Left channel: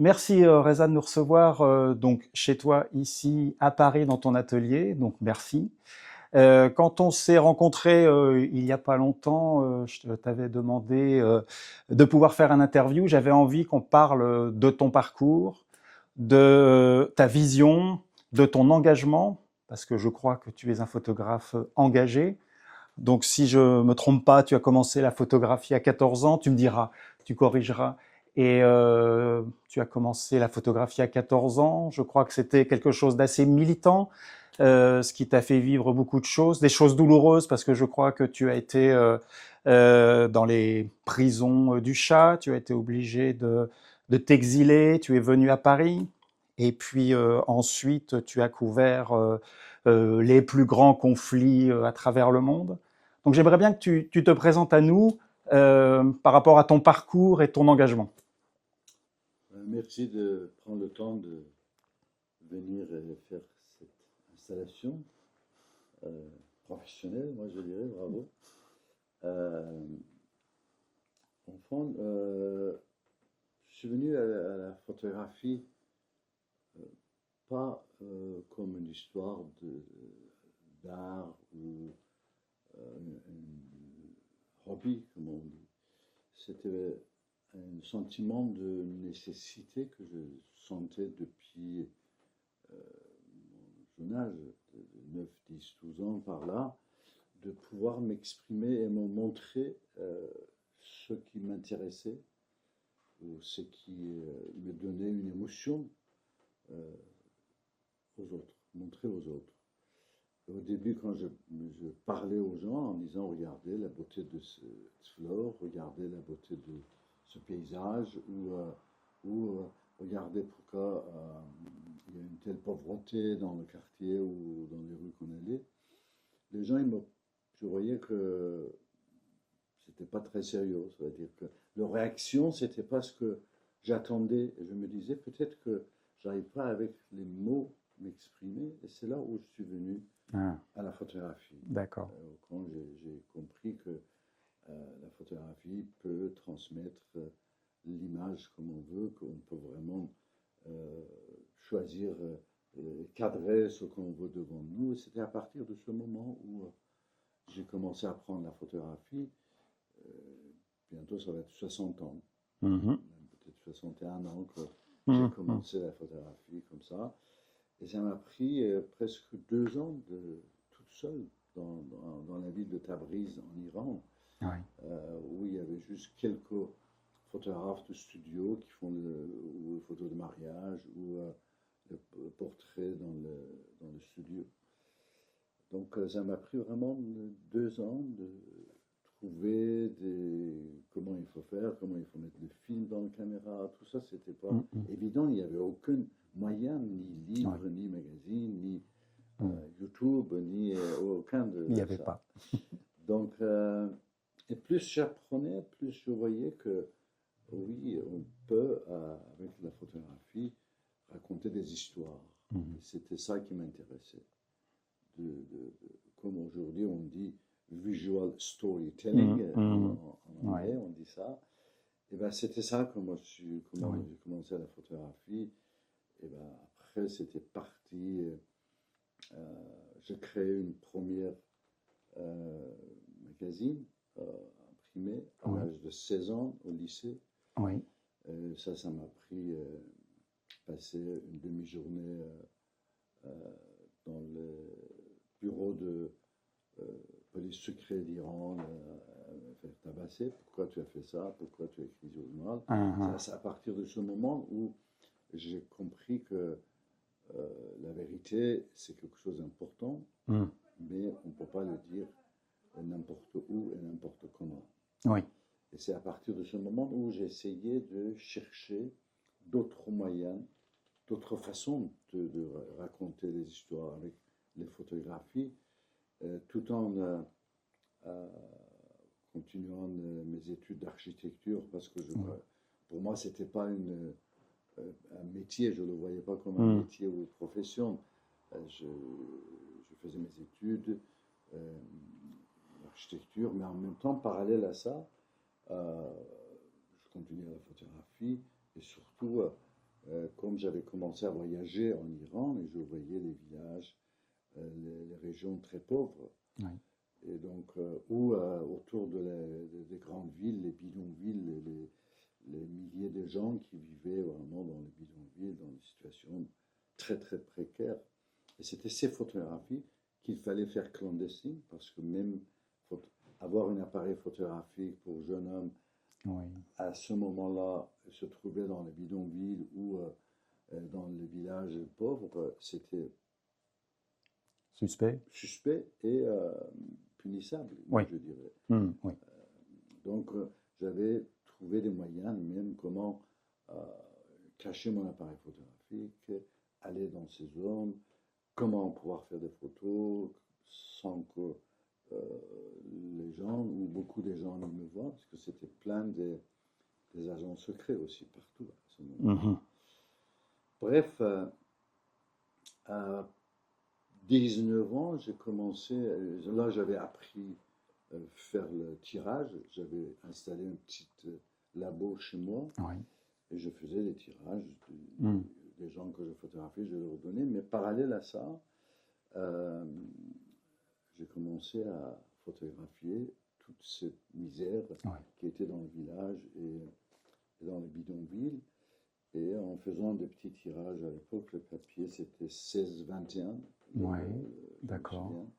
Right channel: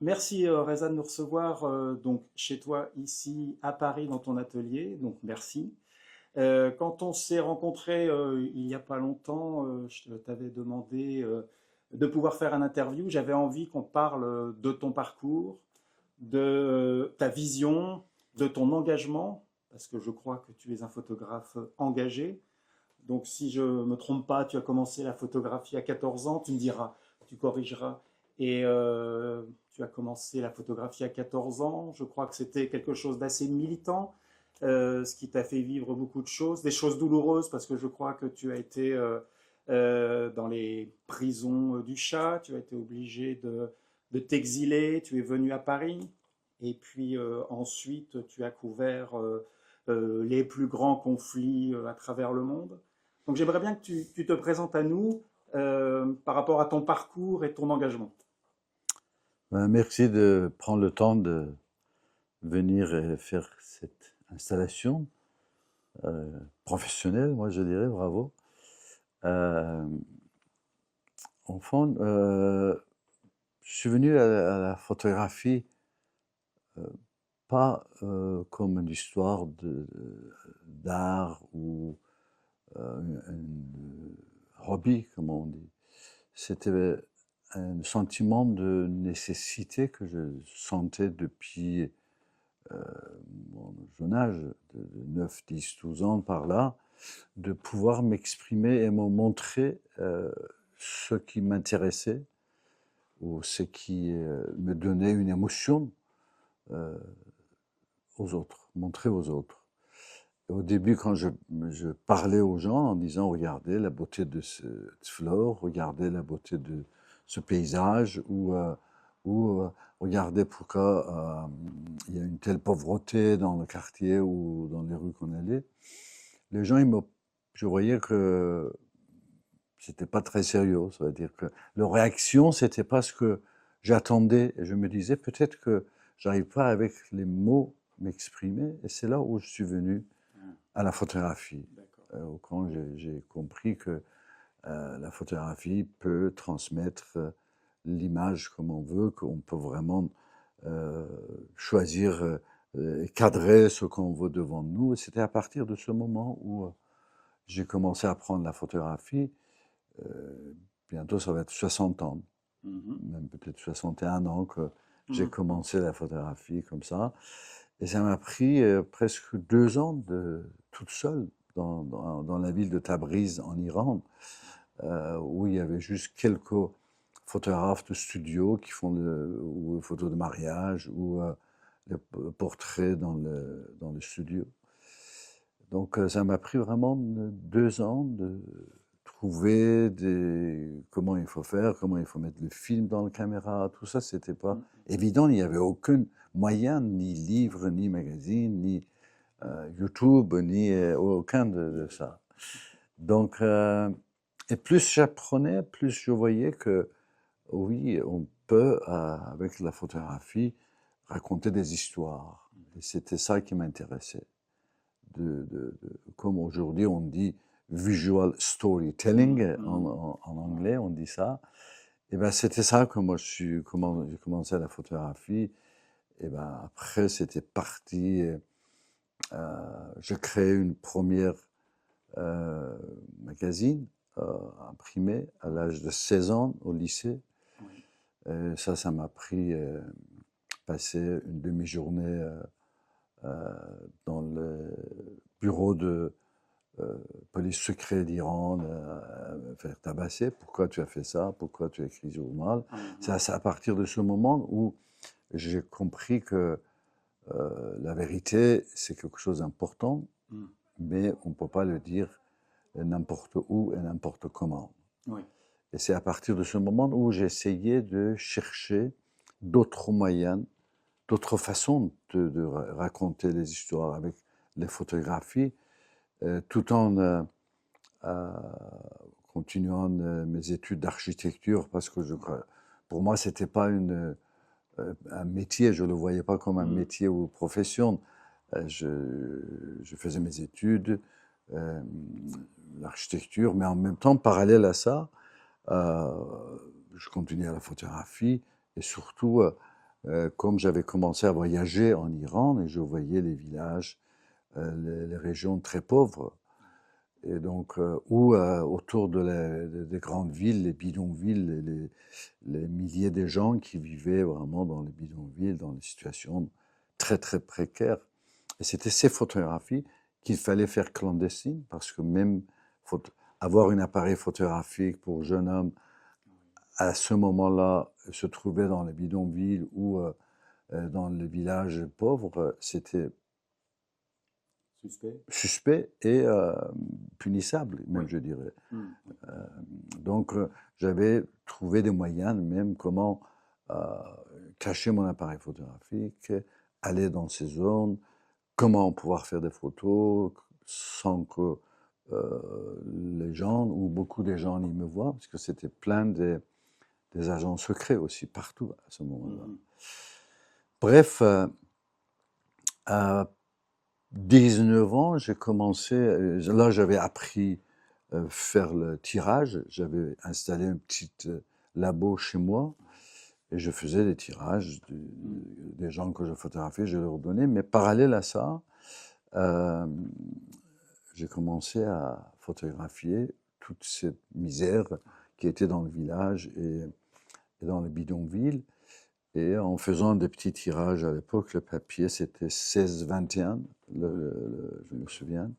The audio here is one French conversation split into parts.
Merci Reza de nous recevoir donc chez toi ici à Paris dans ton atelier, donc merci. Quand on s'est rencontrés il n'y a pas longtemps, je t'avais demandé de pouvoir faire un interview. J'avais envie qu'on parle de ton parcours, de ta vision, de ton engagement, parce que je crois que tu es un photographe engagé. Donc si je me trompe pas, tu as commencé la photographie à 14 ans, tu me diras, tu corrigeras. Et tu as commencé la photographie à 14 ans. Je crois que c'était quelque chose d'assez militant, ce qui t'a fait vivre beaucoup de choses, des choses douloureuses, parce que je crois que tu as été dans les prisons du Chat, tu as été obligé de t'exiler, tu es venu à Paris, et puis ensuite tu as couvert les plus grands conflits à travers le monde. Donc j'aimerais bien que tu te présentes à nous par rapport à ton parcours et ton engagement. Merci de prendre le temps de venir et faire cette installation euh, professionnelle, moi je dirais, bravo. Euh, Enfant, je suis venu à la photographie euh, pas comme une histoire d'art ou un hobby, comme on dit. C'était un sentiment de nécessité que je sentais depuis euh, mon jeune âge, de 9, 10, 12 ans par là, de pouvoir m'exprimer et me montrer ce qui m'intéressait ou ce qui me donnait une émotion euh, aux autres, montrer aux autres. Et au début, quand je parlais aux gens en disant, regardez la beauté de cette fleur, regardez la beauté de ce paysage, ou regardez pourquoi il y a une telle pauvreté dans le quartier ou dans les rues qu'on allait, les gens, je voyais que c'était pas très sérieux. Ça veut dire que leur réaction, c'était pas ce que j'attendais. Et je me disais, peut-être que j'arrive pas avec les mots m'exprimer. Et c'est là où je suis venu Ah, à la photographie. d'accord. Quand j'ai compris que la photographie peut transmettre l'image comme on veut, qu'on peut vraiment euh, choisir et cadrer ce qu'on veut devant nous. Et c'était à partir de ce moment où j'ai commencé à prendre la photographie. Bientôt, ça va être 60 ans, Mhm. même peut-être 61 ans que j'ai Mhm. commencé la photographie comme ça. Et ça m'a pris presque 2 ans toute seule dans la ville de Tabriz en Iran, Ouais. où il y avait juste quelques photographes de studio qui font ou photos de mariage ou les portraits dans le studio. Donc ça m'a pris vraiment 2 ans de trouver comment il faut faire, comment il faut mettre le film dans la caméra, tout ça, c'était pas Mhm. évident. Il n'y avait aucun moyen, ni Ouais. livre, ni magazine, ni Mhm. YouTube, ni aucun Il n'y de avait ça. pas. Donc, et plus j'apprenais, plus je voyais que oui, on peut, avec la photographie, raconter des histoires. Mhm. Et c'était ça qui m'intéressait. Comme aujourd'hui on dit visual Mhm. storytelling Mhm. en Ouais. anglais, on dit ça. Et ben c'était ça que moi Oui. j'ai commencé la photographie. Et ben après c'était parti. Je créé une première euh, magazine imprimé à Oui. l'âge de 16 ans au lycée. Oui. Et ça m'a pris passer une demi-journée dans le bureau de police secret d'Iran, me faire tabasser. Pourquoi tu as fait ça? Pourquoi tu as écrit ce journal? Mhm. C'est à partir de ce moment où j'ai compris que la vérité, c'est quelque chose d'important, Mhm. mais on ne peut pas le dire n'importe où et n'importe comment. Oui. Et c'est à partir de ce moment où j'ai essayé de chercher d'autres moyens, d'autres façons de raconter les histoires avec les photographies, tout en euh, continuant mes études d'architecture parce que Oui. pour moi, c'était pas un métier, je ne le voyais pas comme un Mhm. métier ou profession. Je faisais mes études, euh, l'architecture, mais en même temps, parallèle à ça, euh, je continuais à la photographie et surtout, comme j'avais commencé à voyager en Iran et je voyais les villages, les régions très pauvres, Ouais. et donc où autour des grandes villes, les bidonvilles, les milliers de gens qui vivaient vraiment dans les bidonvilles, dans des situations très très précaires. Et c'était ces photographies qu'il fallait faire clandestines, parce que même avoir un appareil photographique pour jeune homme Oui. à ce moment-là se trouver dans les bidonvilles ou dans les villages pauvres, c'était Suspect? suspect et punissable, Oui. même je dirais. Oui. Donc j'avais trouvé des moyens, même comment cacher mon appareil photographique, aller dans ces zones, comment pouvoir faire des photos sans que les gens, ou beaucoup de gens y me voient, parce que c'était plein des agents secrets aussi, partout à ce moment-là. Mhm. Bref, à 19 ans, j'ai commencé, là j'avais appris faire le tirage, j'avais installé un petit labo chez moi, Ouais. et je faisais des tirages Mm. des gens que je photographiais, je leur donnais, mais parallèle à ça, euh, j'ai commencé à photographier toute cette misère Ouais. qui était dans le village et dans les bidonvilles. Et en faisant des petits tirages à l'époque, le papier c'était 16-21, Ouais. je me D'accord. souviens,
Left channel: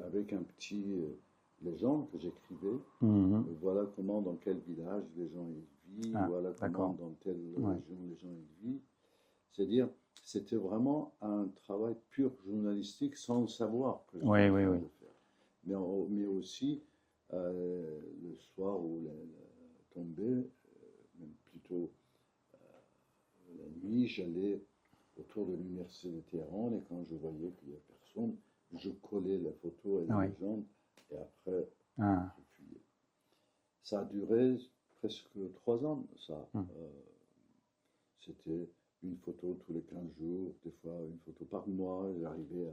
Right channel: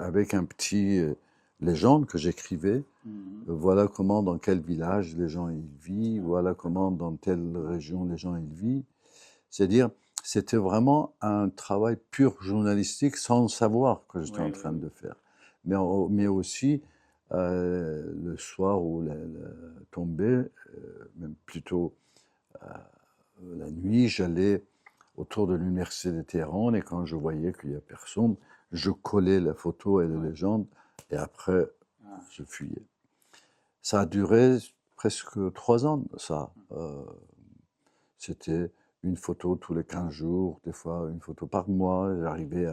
avec un petit légende que j'écrivais, Mhm. voilà comment dans quel village les gens y vivent, Ah, voilà comment d'accord. dans telle Ouais. région les gens y vivent. C'est-à-dire, c'était vraiment un travail pur journalistique sans savoir que j'étais Oui, en oui, train oui. de faire. Mais aussi, le soir où la tombait, même plutôt la nuit, j'allais autour de l'université de Téhéran et quand je voyais qu'il n'y a personne, je collais la photo et la Oui. légende et après, Ah. je fuyais. Ça a duré presque 3 ans, ça. Mm. C'était une photo tous les 15 jours, des fois une photo par mois, j'arrivais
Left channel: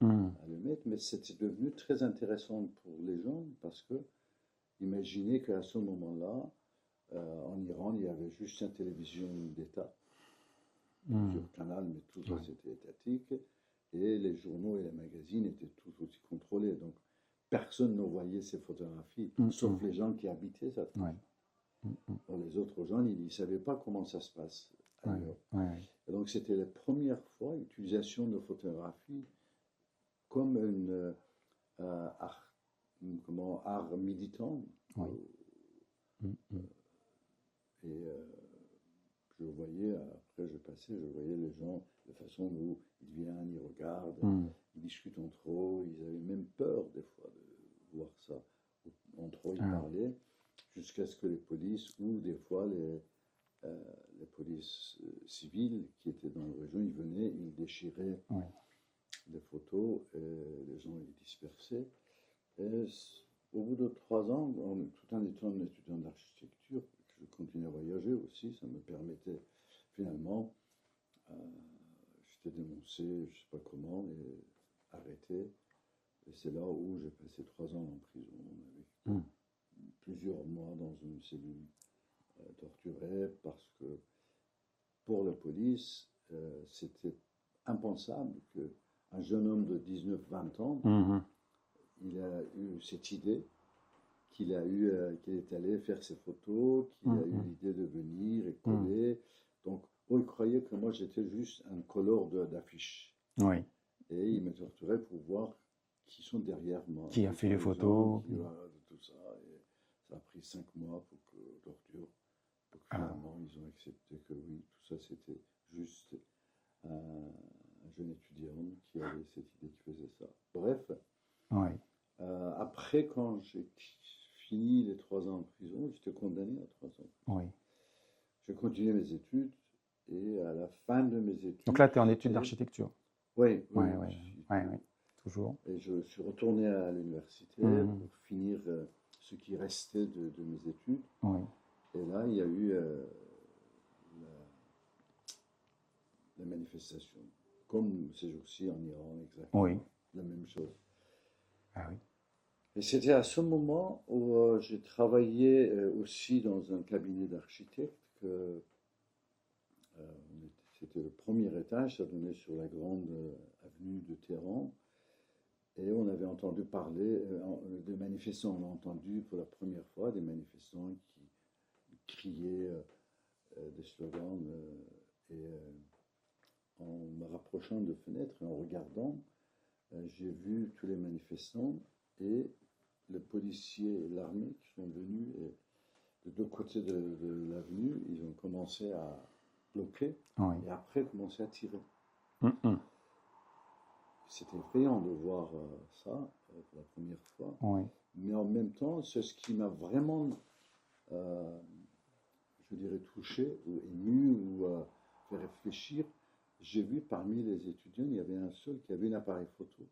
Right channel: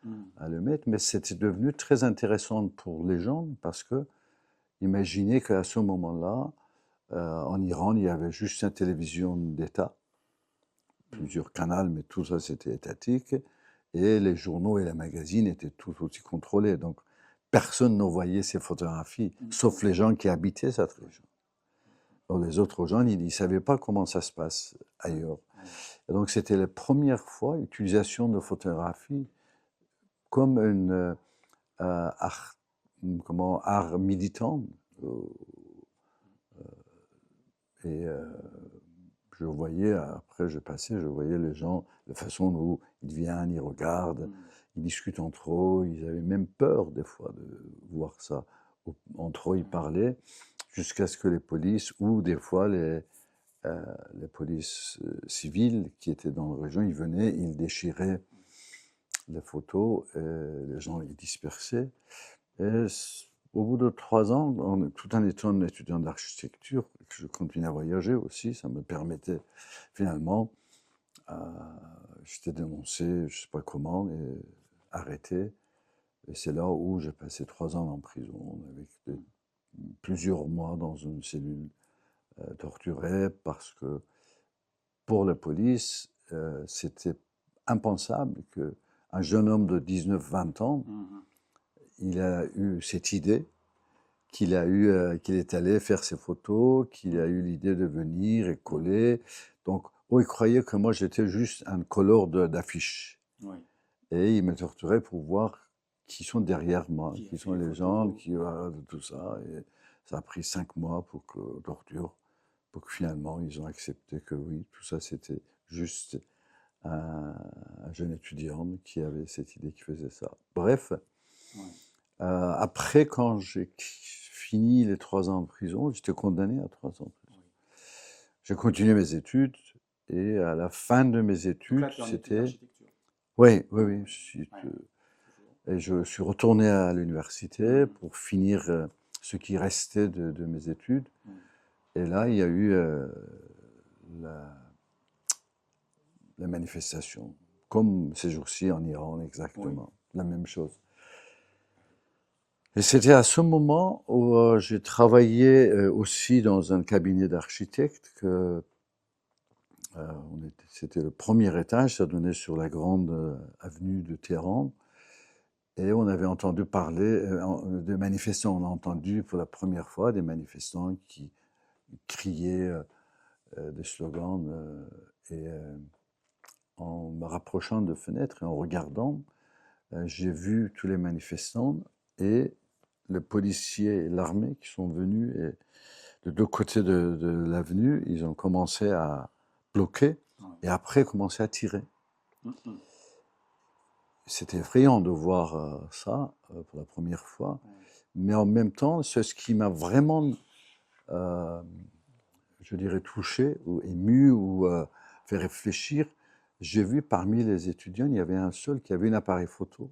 Mm. à le mettre, mais c'était devenu très intéressant pour les gens parce que imaginez qu'à ce moment-là, en Iran, il y avait juste une télévision d'État, Mm. plusieurs canaux, mais tout ça c'était étatique, et les journaux et les magazines étaient tout aussi contrôlés. Donc personne ne voyait ces photographies, Mm. sauf les gens qui habitaient cette Ouais. région. Alors, les autres gens, ils ne savaient pas comment ça se passe Ouais. ailleurs. Ouais. Et donc c'était la première fois utilisation de photographie comme art, art militant. Ouais. Mm. Et je voyais, après je passais, je voyais les gens, la façon où ils viennent, ils regardent, Mm. ils discutent entre eux, ils avaient même peur des fois de voir ça. Entre eux, ils Ah. parlaient jusqu'à ce que les polices, ou des fois les polices civiles qui étaient dans la région, ils venaient, ils déchiraient Ouais. les photos, les gens les dispersaient. Et au bout de 3 ans, tout en étant étudiant d'architecture, je continuais à voyager aussi, ça me permettait finalement, j'étais dénoncé, je ne sais pas comment, et arrêté. Et c'est là où j'ai passé 3 ans en prison, avec Mm. plusieurs mois dans une cellule torturée, parce que pour la police, c'était impensable qu'un jeune homme de 19-20 ans, Mhm. il a eu cette idée, qu'il est allé faire ses photos, qu'il a eu Mhm. l'idée de venir et Mm. coller. Donc, il croyait que moi j'étais juste un colleur d'affiches. Oui. Et il me torturait pour voir qui sont derrière moi, Qui a qui fait sont les les gens, photos? de tout ça. Et ça a pris 5 mois pour que torture, pour que Ah. finalement ils ont accepté que oui, tout ça c'était juste un jeune étudiant qui avait cette idée, qui faisait ça. Bref, Ouais. après, quand j'ai fini les 3 ans en prison, j'étais condamné à 3 ans en prison. Oui. J'ai continué mes études et à la fin de mes Donc là, études, tu es en études c'était... d'architecture. Oui, oui, Ouais, oui. ouais, ouais, ouais. Toujours. Et je suis retourné à l'université Mhm. pour finir ce qui restait de mes études. Ouais. Et là, il y a eu la, la manifestation, comme ces jours-ci en Iran, Oui. exactement, la même chose. Ah oui. Et c'était à ce moment où j'ai travaillé aussi dans un cabinet d'architectes c'était le premier étage, ça donnait sur la grande avenue de Téhéran. Et on avait entendu parler de manifestants. On a entendu pour la première fois des manifestants qui criaient des slogans. En me rapprochant de fenêtres et en regardant, j'ai vu tous les manifestants et le policier et l'armée qui sont venus. Et de deux côtés de l'avenue, ils ont commencé à bloquer Oui. et après commencé à tirer. Mhm. C'était effrayant de voir ça pour la première fois. Oui. Mais en même temps, c'est ce qui m'a vraiment, euh, je dirais, touché ou ému ou fait réfléchir. J'ai vu parmi les étudiants, il y avait un seul qui avait un appareil photo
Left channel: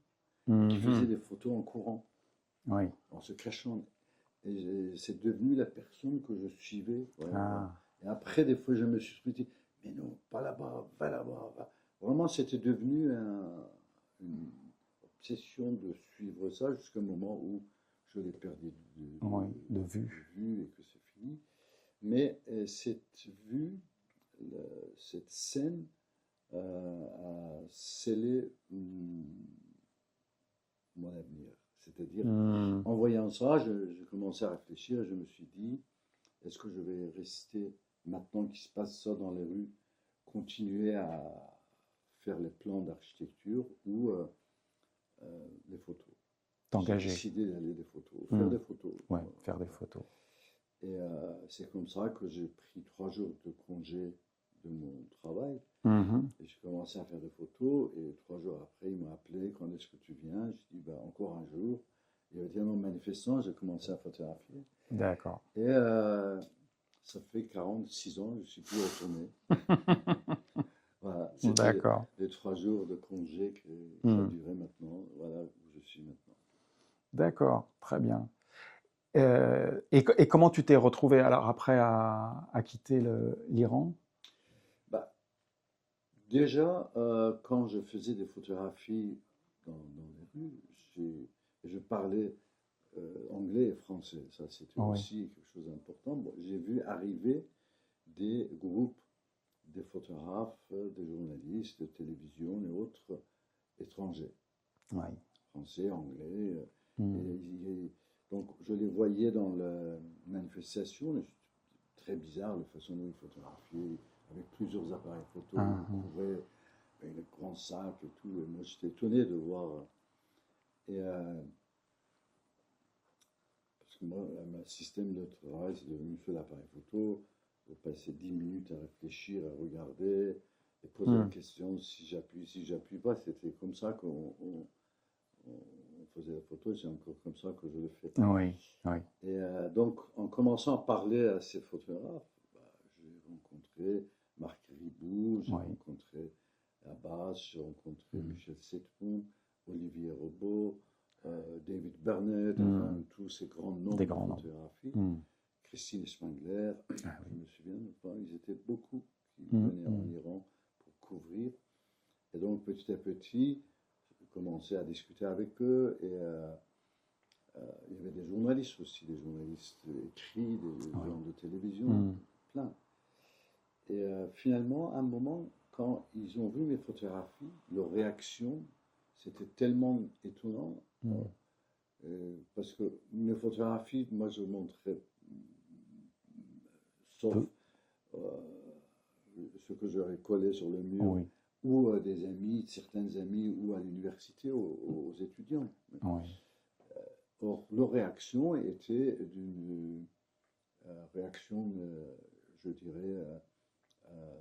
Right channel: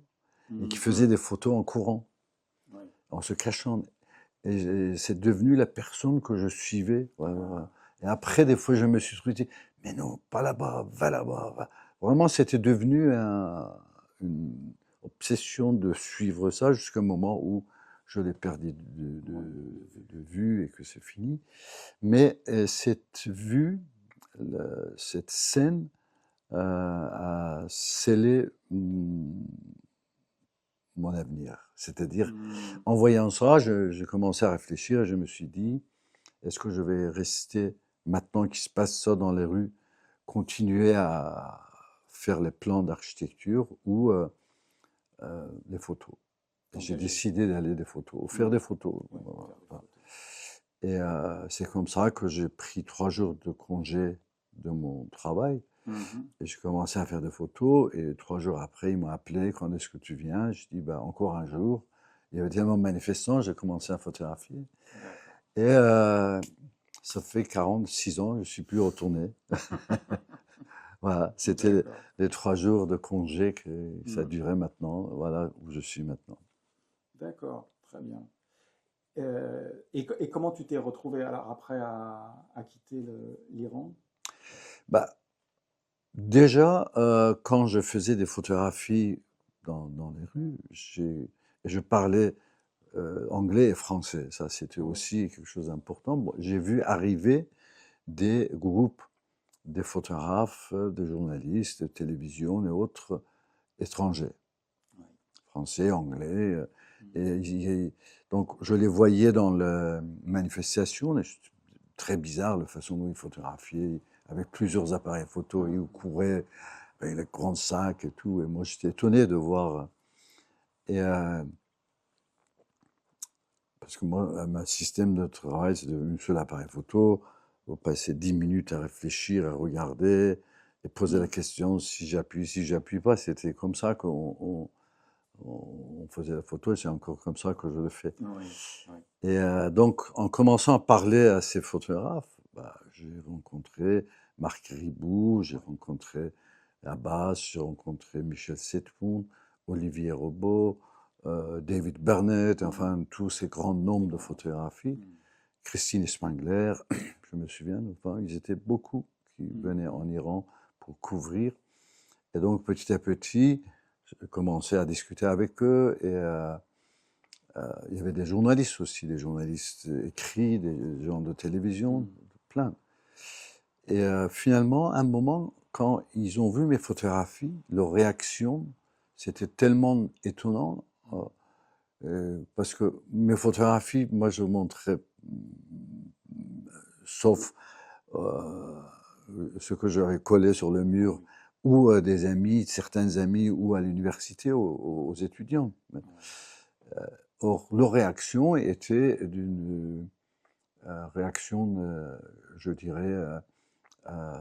et qui faisait Mhm. des photos en courant, Oui. en se cachant. Et c'est devenu la personne que je suivais. Voilà, voilà. Ah. Et après, des fois, je me suis dit, mais non, pas là-bas, va là-bas. Va. Vraiment, c'était devenu une obsession de suivre ça jusqu'à un moment où je l'ai perdu Ouais, de vue. de vue et que c'est fini. Mais cette vue, cette scène a scellé mon avenir. C'est-à-dire, Mhm. en voyant ça, j'ai commencé à réfléchir et je me suis dit, est-ce que je vais rester, maintenant qu'il se passe ça dans les rues, continuer à faire les plans d'architecture ou les photos? J'ai T'engager. décidé d'aller des photos, faire Mhm. des photos. Ouais, faire des photos. Et c'est comme ça que j'ai pris 3 jours de congé de mon travail Mhm. et j'ai commencé à faire des photos. Et 3 jours après, ils m'ont appelé, quand est-ce que tu viens? Je dis, bah, encore un jour. Il y avait tellement de manifestants, j'ai commencé à photographier. D'accord. Et ça fait 46 ans, je ne suis plus retourné. Voilà, c'était D'accord. les 3 jours de congé que ça Mhm. durait maintenant. Voilà où je suis maintenant. D'accord, très bien. Et comment tu t'es retrouvé alors après à quitter l'Iran? Bah, déjà, quand je faisais des photographies dans les rues, je parlais anglais et français. Ça, c'était Oui. aussi quelque chose d'important. Bon, j'ai vu arriver des groupes, des photographes, des journalistes de télévision et autres étrangers, Oui. français, anglais. Mhm. Et donc, je les voyais dans la manifestation. Et très bizarre la façon dont ils photographiaient, avec plusieurs appareils photo. Ils Mhm. couraient avec les grands sacs et tout. Et moi, j'étais étonné de voir. Et parce que moi, mon système de travail, c'est devenu sur l'appareil photo. Vous passez 10 minutes à réfléchir, à regarder et poser la Mhm. question si j'appuie pas. C'était comme ça qu'on faisait la photo et c'est encore comme ça que je le fais. Oui, oui. Et donc, en commençant à parler à ces photographes, bah, j'ai rencontré Marc Ribou, j'ai Oui. rencontré Abbas, j'ai rencontré Michel Setpoun, Olivier Robot, David Burnett, Mhm. enfin tous ces grands noms Des de grands noms. photographie. Mhm. Christine Spangler, je me souviens, enfin, ils étaient beaucoup qui venaient en Mhm. Iran pour couvrir. Et donc, petit à petit, j'ai commencé à discuter avec eux et il y avait des journalistes aussi, des journalistes écrits, des Oui. gens de télévision, Mhm. plein. Et finalement, à un moment, quand ils ont vu mes photographies, leur réaction, c'était tellement étonnant, Mhm. parce que mes photographies, moi, je montrais, Peu. sauf ce que j'avais collé sur le mur, Oui. ou à des amis, certains amis, ou à l'université, aux étudiants. Oui. Or, leur réaction était d'une réaction, je dirais, euh,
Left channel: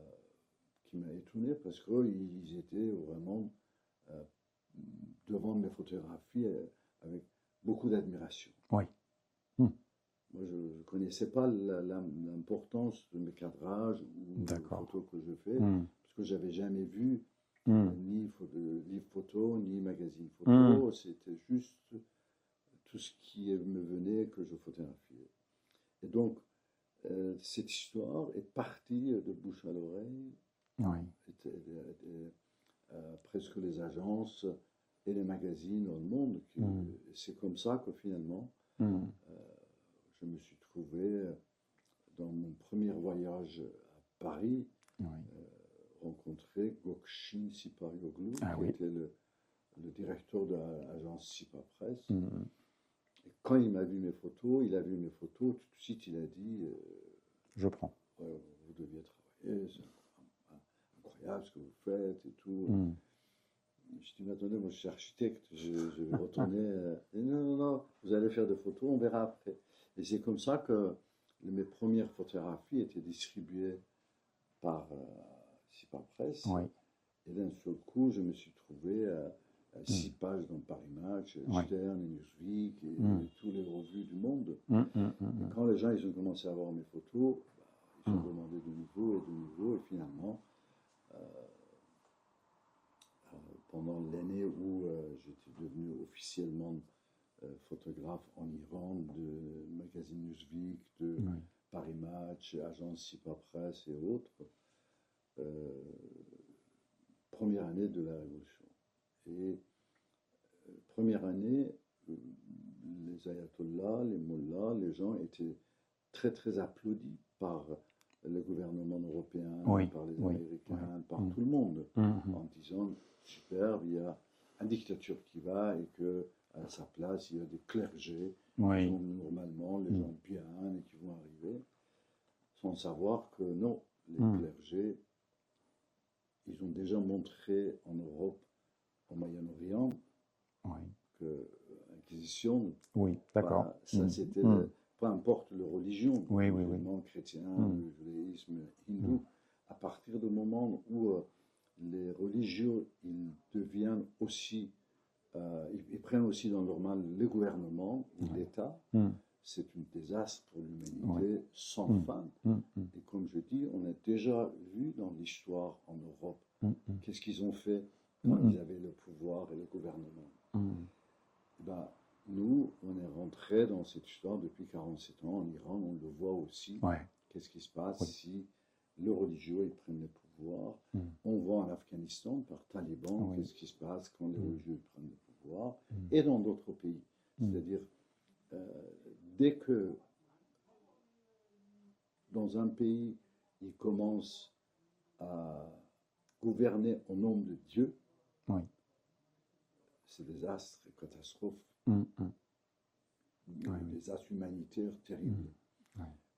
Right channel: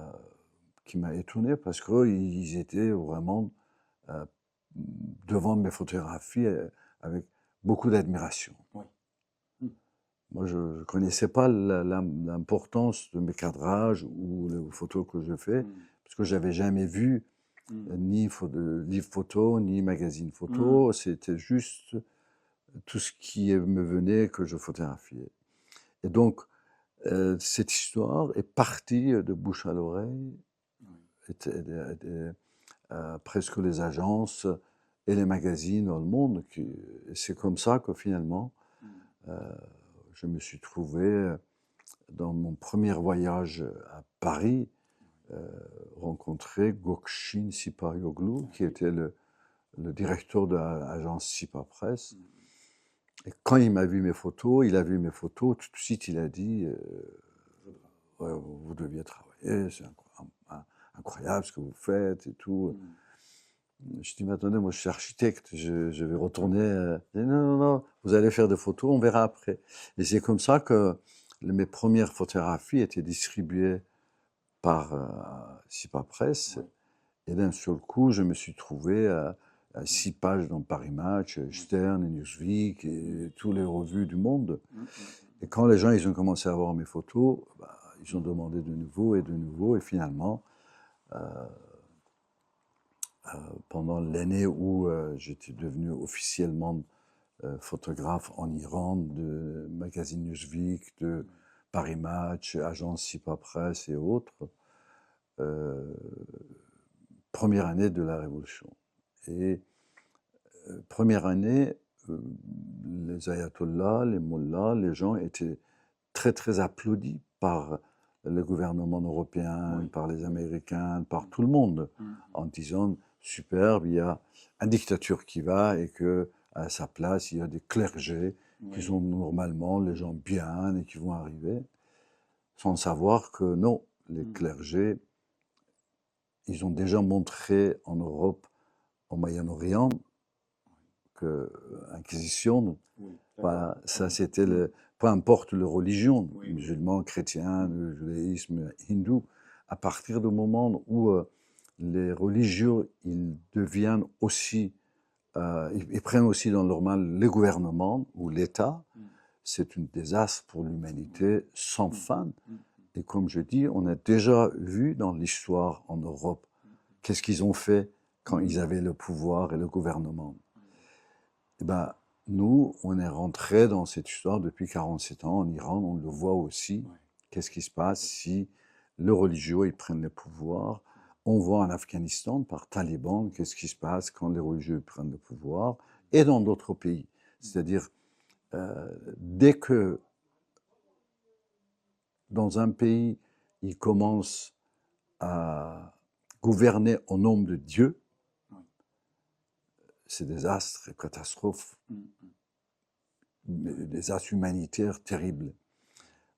qui m'a étonné parce qu'ils étaient vraiment euh, devant mes photographies avec beaucoup d'admiration. Oui. Mhm. Moi, je ne connaissais pas l'importance de mes cadrages ou les D'accord. photos que je fais Mhm. parce que j'avais jamais vu Mhm. ni livre photo, ni magazine Mhm. photo. C'était juste tout ce qui me venait que je photographiais. Et donc, cette histoire est partie de bouche à l'oreille, Oui. presque les agences et les magazines dans le monde. C'est comme ça que finalement, je me suis trouvé dans mon premier voyage à Paris, rencontrer Gökçin Sipahioglu, qui était le directeur de l'agence Sipa Press. Et quand il m'a vu mes photos, tout de suite il a dit je prends. Ouais, vous deviez travailler, c'est incroyable ce que vous faites et tout. Je dis, mais attendez, moi je suis architecte, je vais retourner. Il dit, non, non, non, vous allez faire des photos, on verra après. Et c'est comme ça que mes premières photographies étaient distribuées par Sipa Press. Et d'un seul coup, je me suis trouvé à 6 pages dans Paris Match, Stern, Newsweek et toutes les revues du monde. Et quand les gens ils ont commencé à voir mes photos, bah, ils ont demandé de nouveau, et finalement, pendant l'année où j'étais devenu officiellement photographe en Iran, de magazine Newsweek, de Paris Match, agence Sipa Press et autres, première année de la Révolution. Et première année, les ayatollahs, les mollahs, les gens étaient très très applaudis par le gouvernement européen, par les Américains, par tout le monde, en disant superbe, il y a une dictature qui va et que à sa place il y a des clergés qui sont normalement les gens bien et qui vont arriver, sans savoir que non, les clergés, ils ont déjà montré en Europe, au Moyen-Orient, que l'Inquisition, voilà, ça c'était peu importe la religion, musulman, chrétien, le judaïsme, hindou, à partir du moment où les religieux, ils deviennent aussi, ils prennent aussi dans leur main le gouvernement ou l'État, c'est un désastre pour l'humanité sans fin. Et comme je dis, on a déjà vu dans l'histoire en Europe, qu'est-ce qu'ils ont fait quand ils avaient le pouvoir et le gouvernement. Eh ben, nous, on est rentré dans cette histoire depuis 47 ans en Iran, on le voit aussi. Qu'est-ce qui se passe si les religieux ils prennent le pouvoir? On voit en Afghanistan par Taliban, qu'est-ce qui se passe quand les religieux prennent le pouvoir, et dans d'autres pays. C'est-à-dire, dès que dans un pays, ils commencent à gouverner au nom de Dieu, c'est des astres et catastrophes, des astres humanitaires terribles.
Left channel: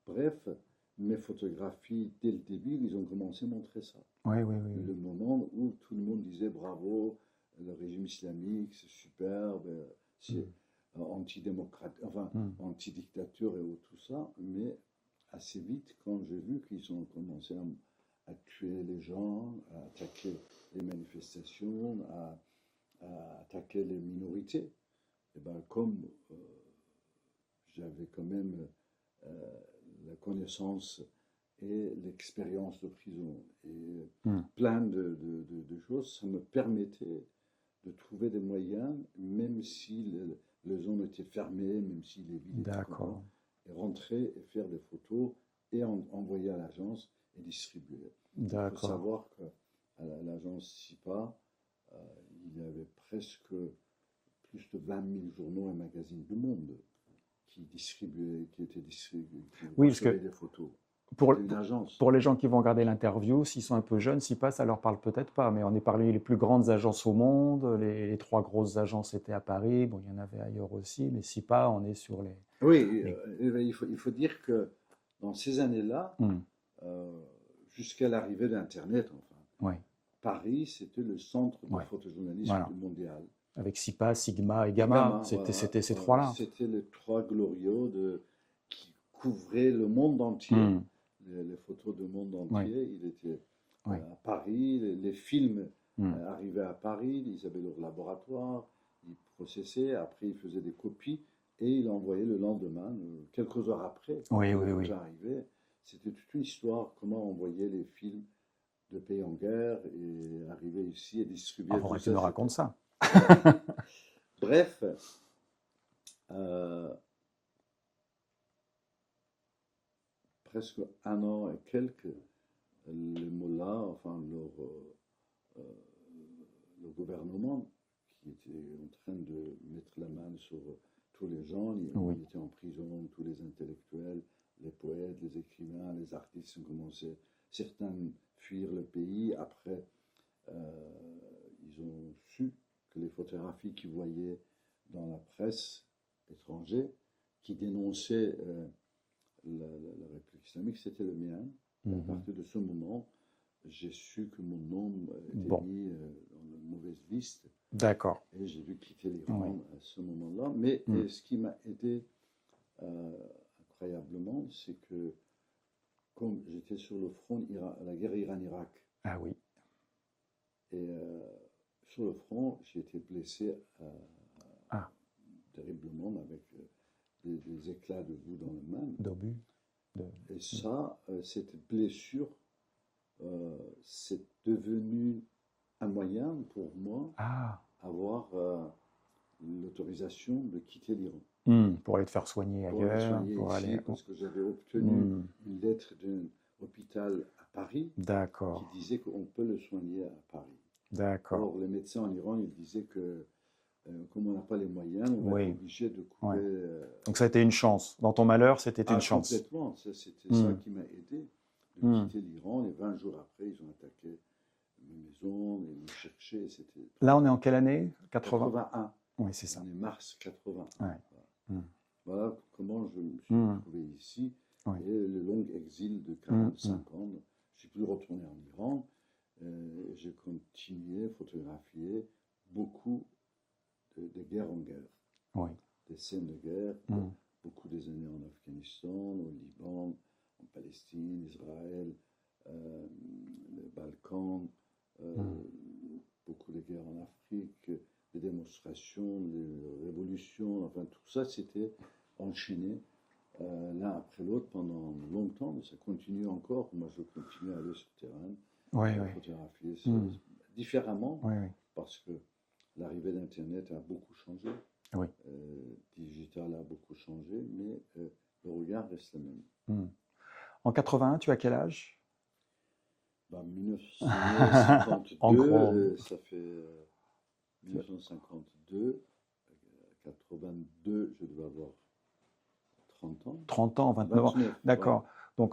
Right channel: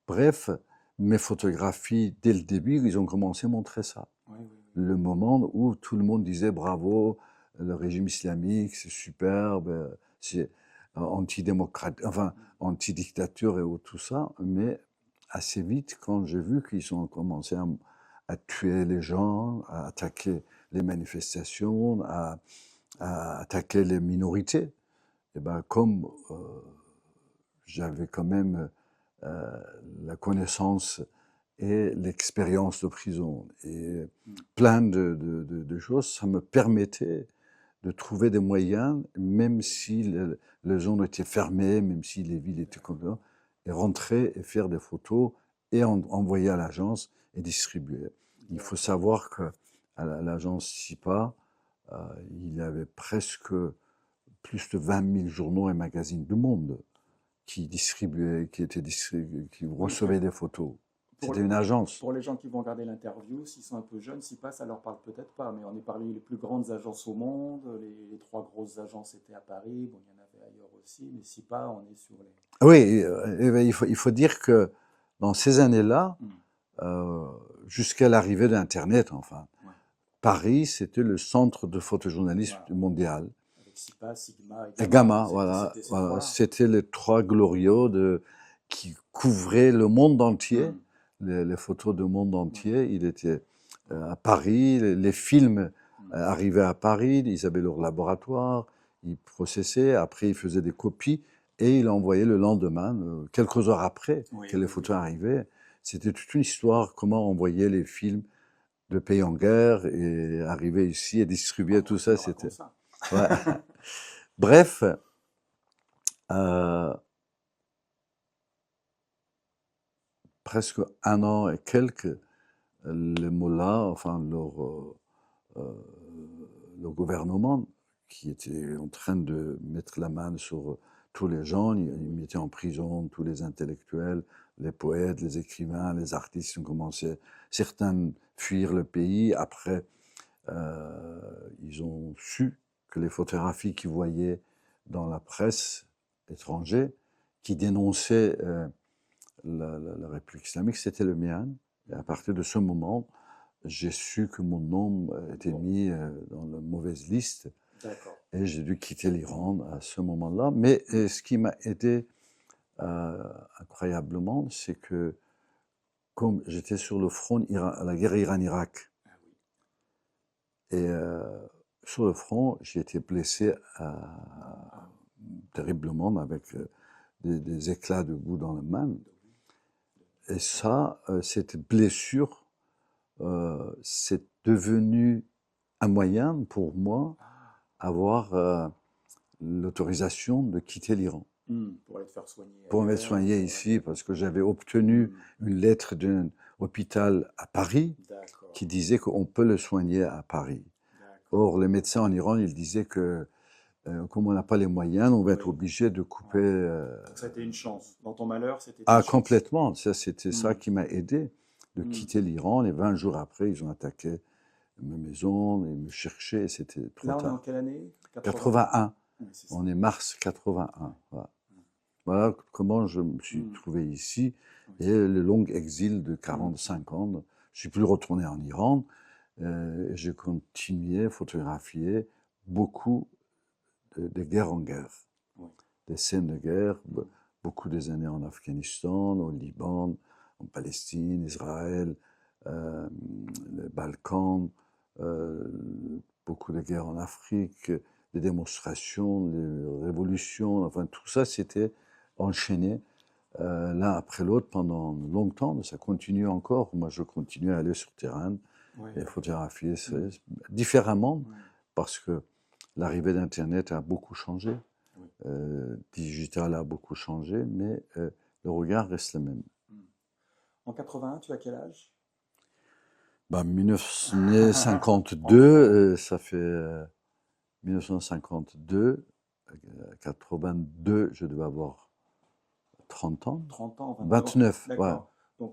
Bref, mes photographies, dès le début, ils ont commencé à montrer ça. Le moment où tout le monde disait bravo, le régime islamique, c'est superbe, c'est antidémocrate, enfin, antidictature et tout ça, mais assez vite, quand j'ai vu qu'ils ont commencé à tuer les gens, à attaquer les manifestations, à attaquer les minorités, et ben comme j'avais quand même la connaissance et l'expérience de prison et plein de choses, ça me permettait de trouver des moyens, même si les zones étaient fermées, même si les villes étaient comme ça, et rentrer et faire des photos et envoyer à l'agence et distribuer. Il faut savoir qu'à l'agence SIPA, il y avait presque plus de 20 000 journaux et magazines du monde qui distribuaient, qui recevaient des photos. C'était une agence. Pour les gens qui vont regarder l'interview, s'ils sont un peu jeunes, SIPA, ça leur parle peut-être pas, mais on est parmi les plus grandes agences au monde. Les 3 grosses agences étaient à Paris. Bon, il y en avait ailleurs aussi, mais SIPA, on est sur les... Oui, il faut dire que dans ces années-là, jusqu'à l'arrivée d'Internet, enfin, Paris, c'était le centre de photojournalisme mondial. Avec SIPA, Sigma et Gamma. C'était ces 3-là. C'était les 3 glorieux qui couvraient le monde entier, les photos du monde entier. Il était à Paris, les films arrivaient à Paris, ils avaient leur laboratoire, ils processaient, après ils faisaient des copies et ils envoyaient le lendemain, quelques heures après que les photos arrivaient. C'était toute une histoire, comment envoyer les films de pays en guerre et arriver ici et distribuer tout ça. C'était ça. Bref, presque 1 an et quelques, les mollahs, enfin le gouvernement qui était en train de mettre la main sur tous les gens. Il mettait en prison tous les intellectuels, les poètes, les écrivains, les artistes. Ils ont commencé, certains fuir le pays. Après, ils ont su que les photographies qu'ils voyaient dans la presse étrangère, qui dénonçaient la République islamique, c'était le mien. Et à partir de ce moment, j'ai su que mon nom était mis dans la mauvaise liste. D'accord. Et j'ai dû quitter l'Iran à ce moment-là. Mais ce qui m'a aidé incroyablement, c'est que comme j'étais sur le front à la guerre Iran-Irak, Ah oui. et sur le front, j'ai été blessé terriblement avec des éclats de boue dans la main. D'obus. Et ça, cette blessure, c'est devenu un moyen pour moi avoir l'autorisation de quitter l'Iran. Pour aller te faire soigner ailleurs. Pour me soigner ici, parce que j'avais obtenu une lettre d'un hôpital à Paris qui disait qu'on peut le soigner à Paris. Or, les médecins en Iran, ils disaient que comme on n'a pas les moyens, on va être obligé de couper. Donc ça a été une chance. Dans ton malheur, c'était une chance. Complètement. C'était ça qui m'a aidé de quitter l'Iran. Et 20 jours après, ils ont attaqué ma maison, ils me cherchaient. C'était Là, on est en quelle année? 81. Oui, c'est ça. On est mars 81. Voilà comment je me suis trouvé ici. Et le long exil de 45 ans. Je ne suis plus retourné en Iran. J'ai continué à photographier beaucoup de guerre en guerre. Des scènes de guerre, beaucoup des années en Afghanistan, au Liban, en Palestine, Israël, les Balkans, beaucoup de guerres en Afrique, des démonstrations, des révolutions, enfin tout ça c'était enchaîné l'un après l'autre pendant longtemps, ça continue encore. Moi je continue à aller sur terrain et photographier différemment parce que l'arrivée d'Internet a beaucoup changé. Digital a beaucoup changé, mais le regard reste le même. En 81, tu as quel âge? 1952, ça fait 1952, 82, je devais avoir 30 ans. 30 ans, 29 ans. 29, d'accord. Donc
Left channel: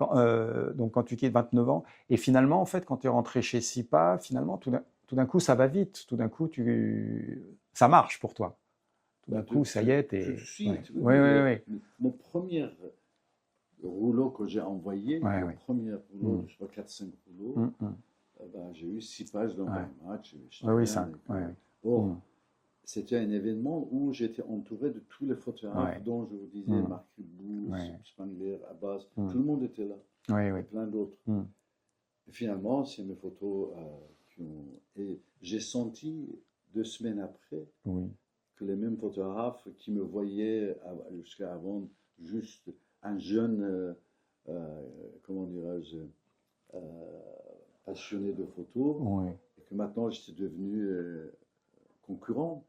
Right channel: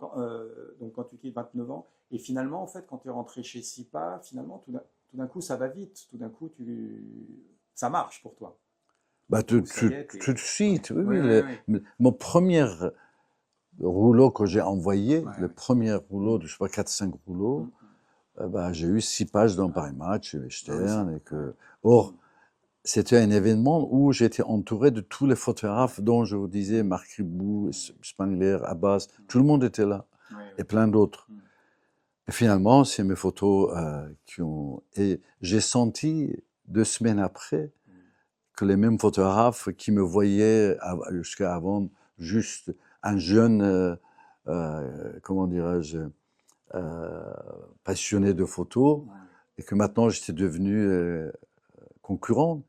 quand tu quittes 29 ans, et finalement, en fait, quand tu es rentré chez SIPA, finalement, tout d'un coup, ça va vite. Tout d'un coup, ça marche pour toi. Tout de suite, mon premier rouleau que j'ai envoyé, le premier rouleau de, je sais pas, 4-5 rouleaux, j'ai eu 6 pages dans Paris Match, Or, c'était un événement où j'étais entouré de tous les photographes dont je vous disais, Marc Ribou, Spangler, Abbas, tout le monde était là, et plein d'autres. Et finalement, c'est mes photos qui ont... Et j'ai senti 2 semaines après que les mêmes photographes qui me voyaient jusqu'à avant juste un jeune, comment dirais-je, passionné de photos, et que maintenant j'étais devenu concurrent.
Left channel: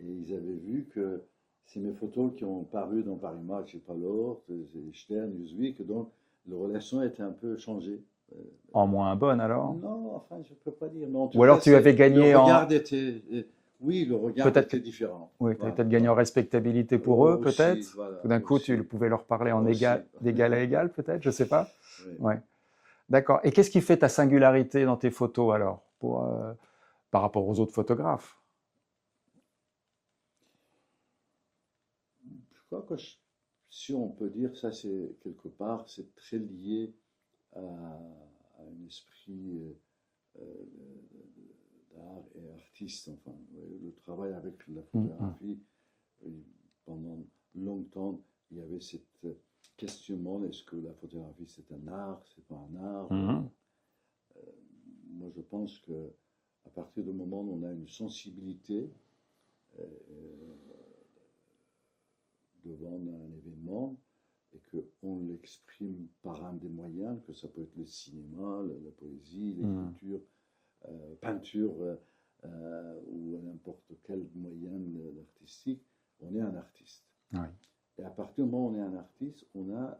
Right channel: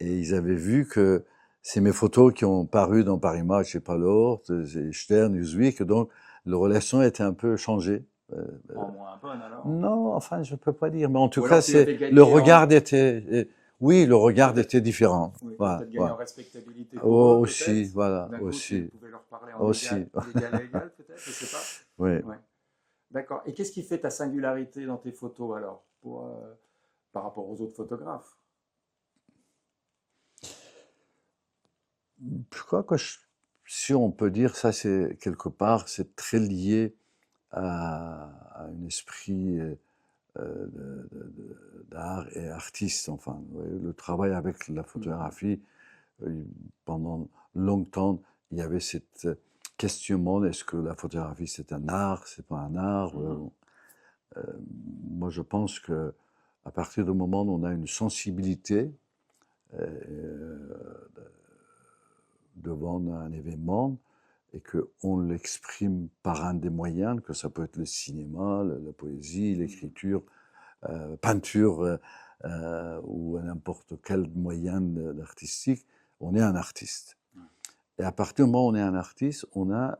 Et ils avaient vu que c'est mes photos qui ont paru dans Paris Match et Palor, Stern, Newsweek, donc la relation était un peu changée. En moins bonne alors? Non, enfin je ne peux pas dire, mais en tout cas, le regard était... Oui, le regard était différent. Oui, peut-être gagner en respectabilité pour eux, peut-être. Voilà, tout d'un coup, tu pouvais leur parler d'égal à égal, peut-être, je ne sais pas. D'accord. Et qu'est-ce qui fait ta singularité dans tes photos, alors, par rapport aux autres photographes? Je crois que, si on peut dire ça, c'est quelque part, c'est très lié à un esprit d'art et artiste. Enfin, le travail avec la photographie, pendant longtemps, il y avait cette questionnement, est-ce que la photographie c'est un art, c'est pas un art? Moi, je pense que à partir du moment où on a une sensibilité devant un événement et qu'on l'exprime par un des moyens, que ça peut être le cinéma, la poésie, l'écriture, peinture ou n'importe quel moyen artistique, on est un artiste. Et à partir du moment où on est un artiste, on a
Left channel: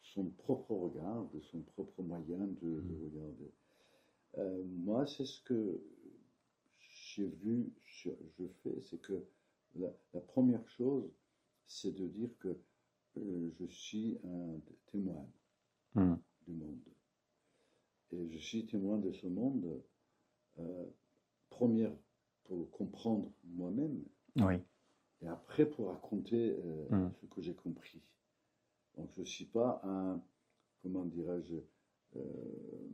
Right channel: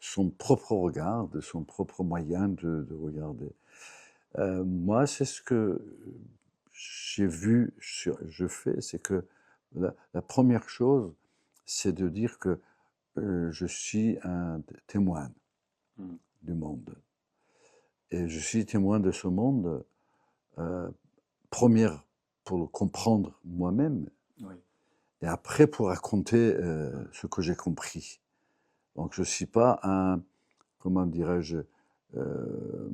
son propre regard, son propre moyen de regarder. Moi, c'est ce que j'ai vu, je fais, c'est que la première chose, c'est de dire que je suis un témoin Mmh. du monde. Et je suis témoin de ce monde, euh, première pour le comprendre moi-même, Oui. et après pour raconter Mmh. ce que j'ai compris. Donc je ne suis pas un, comment dirais-je, euh,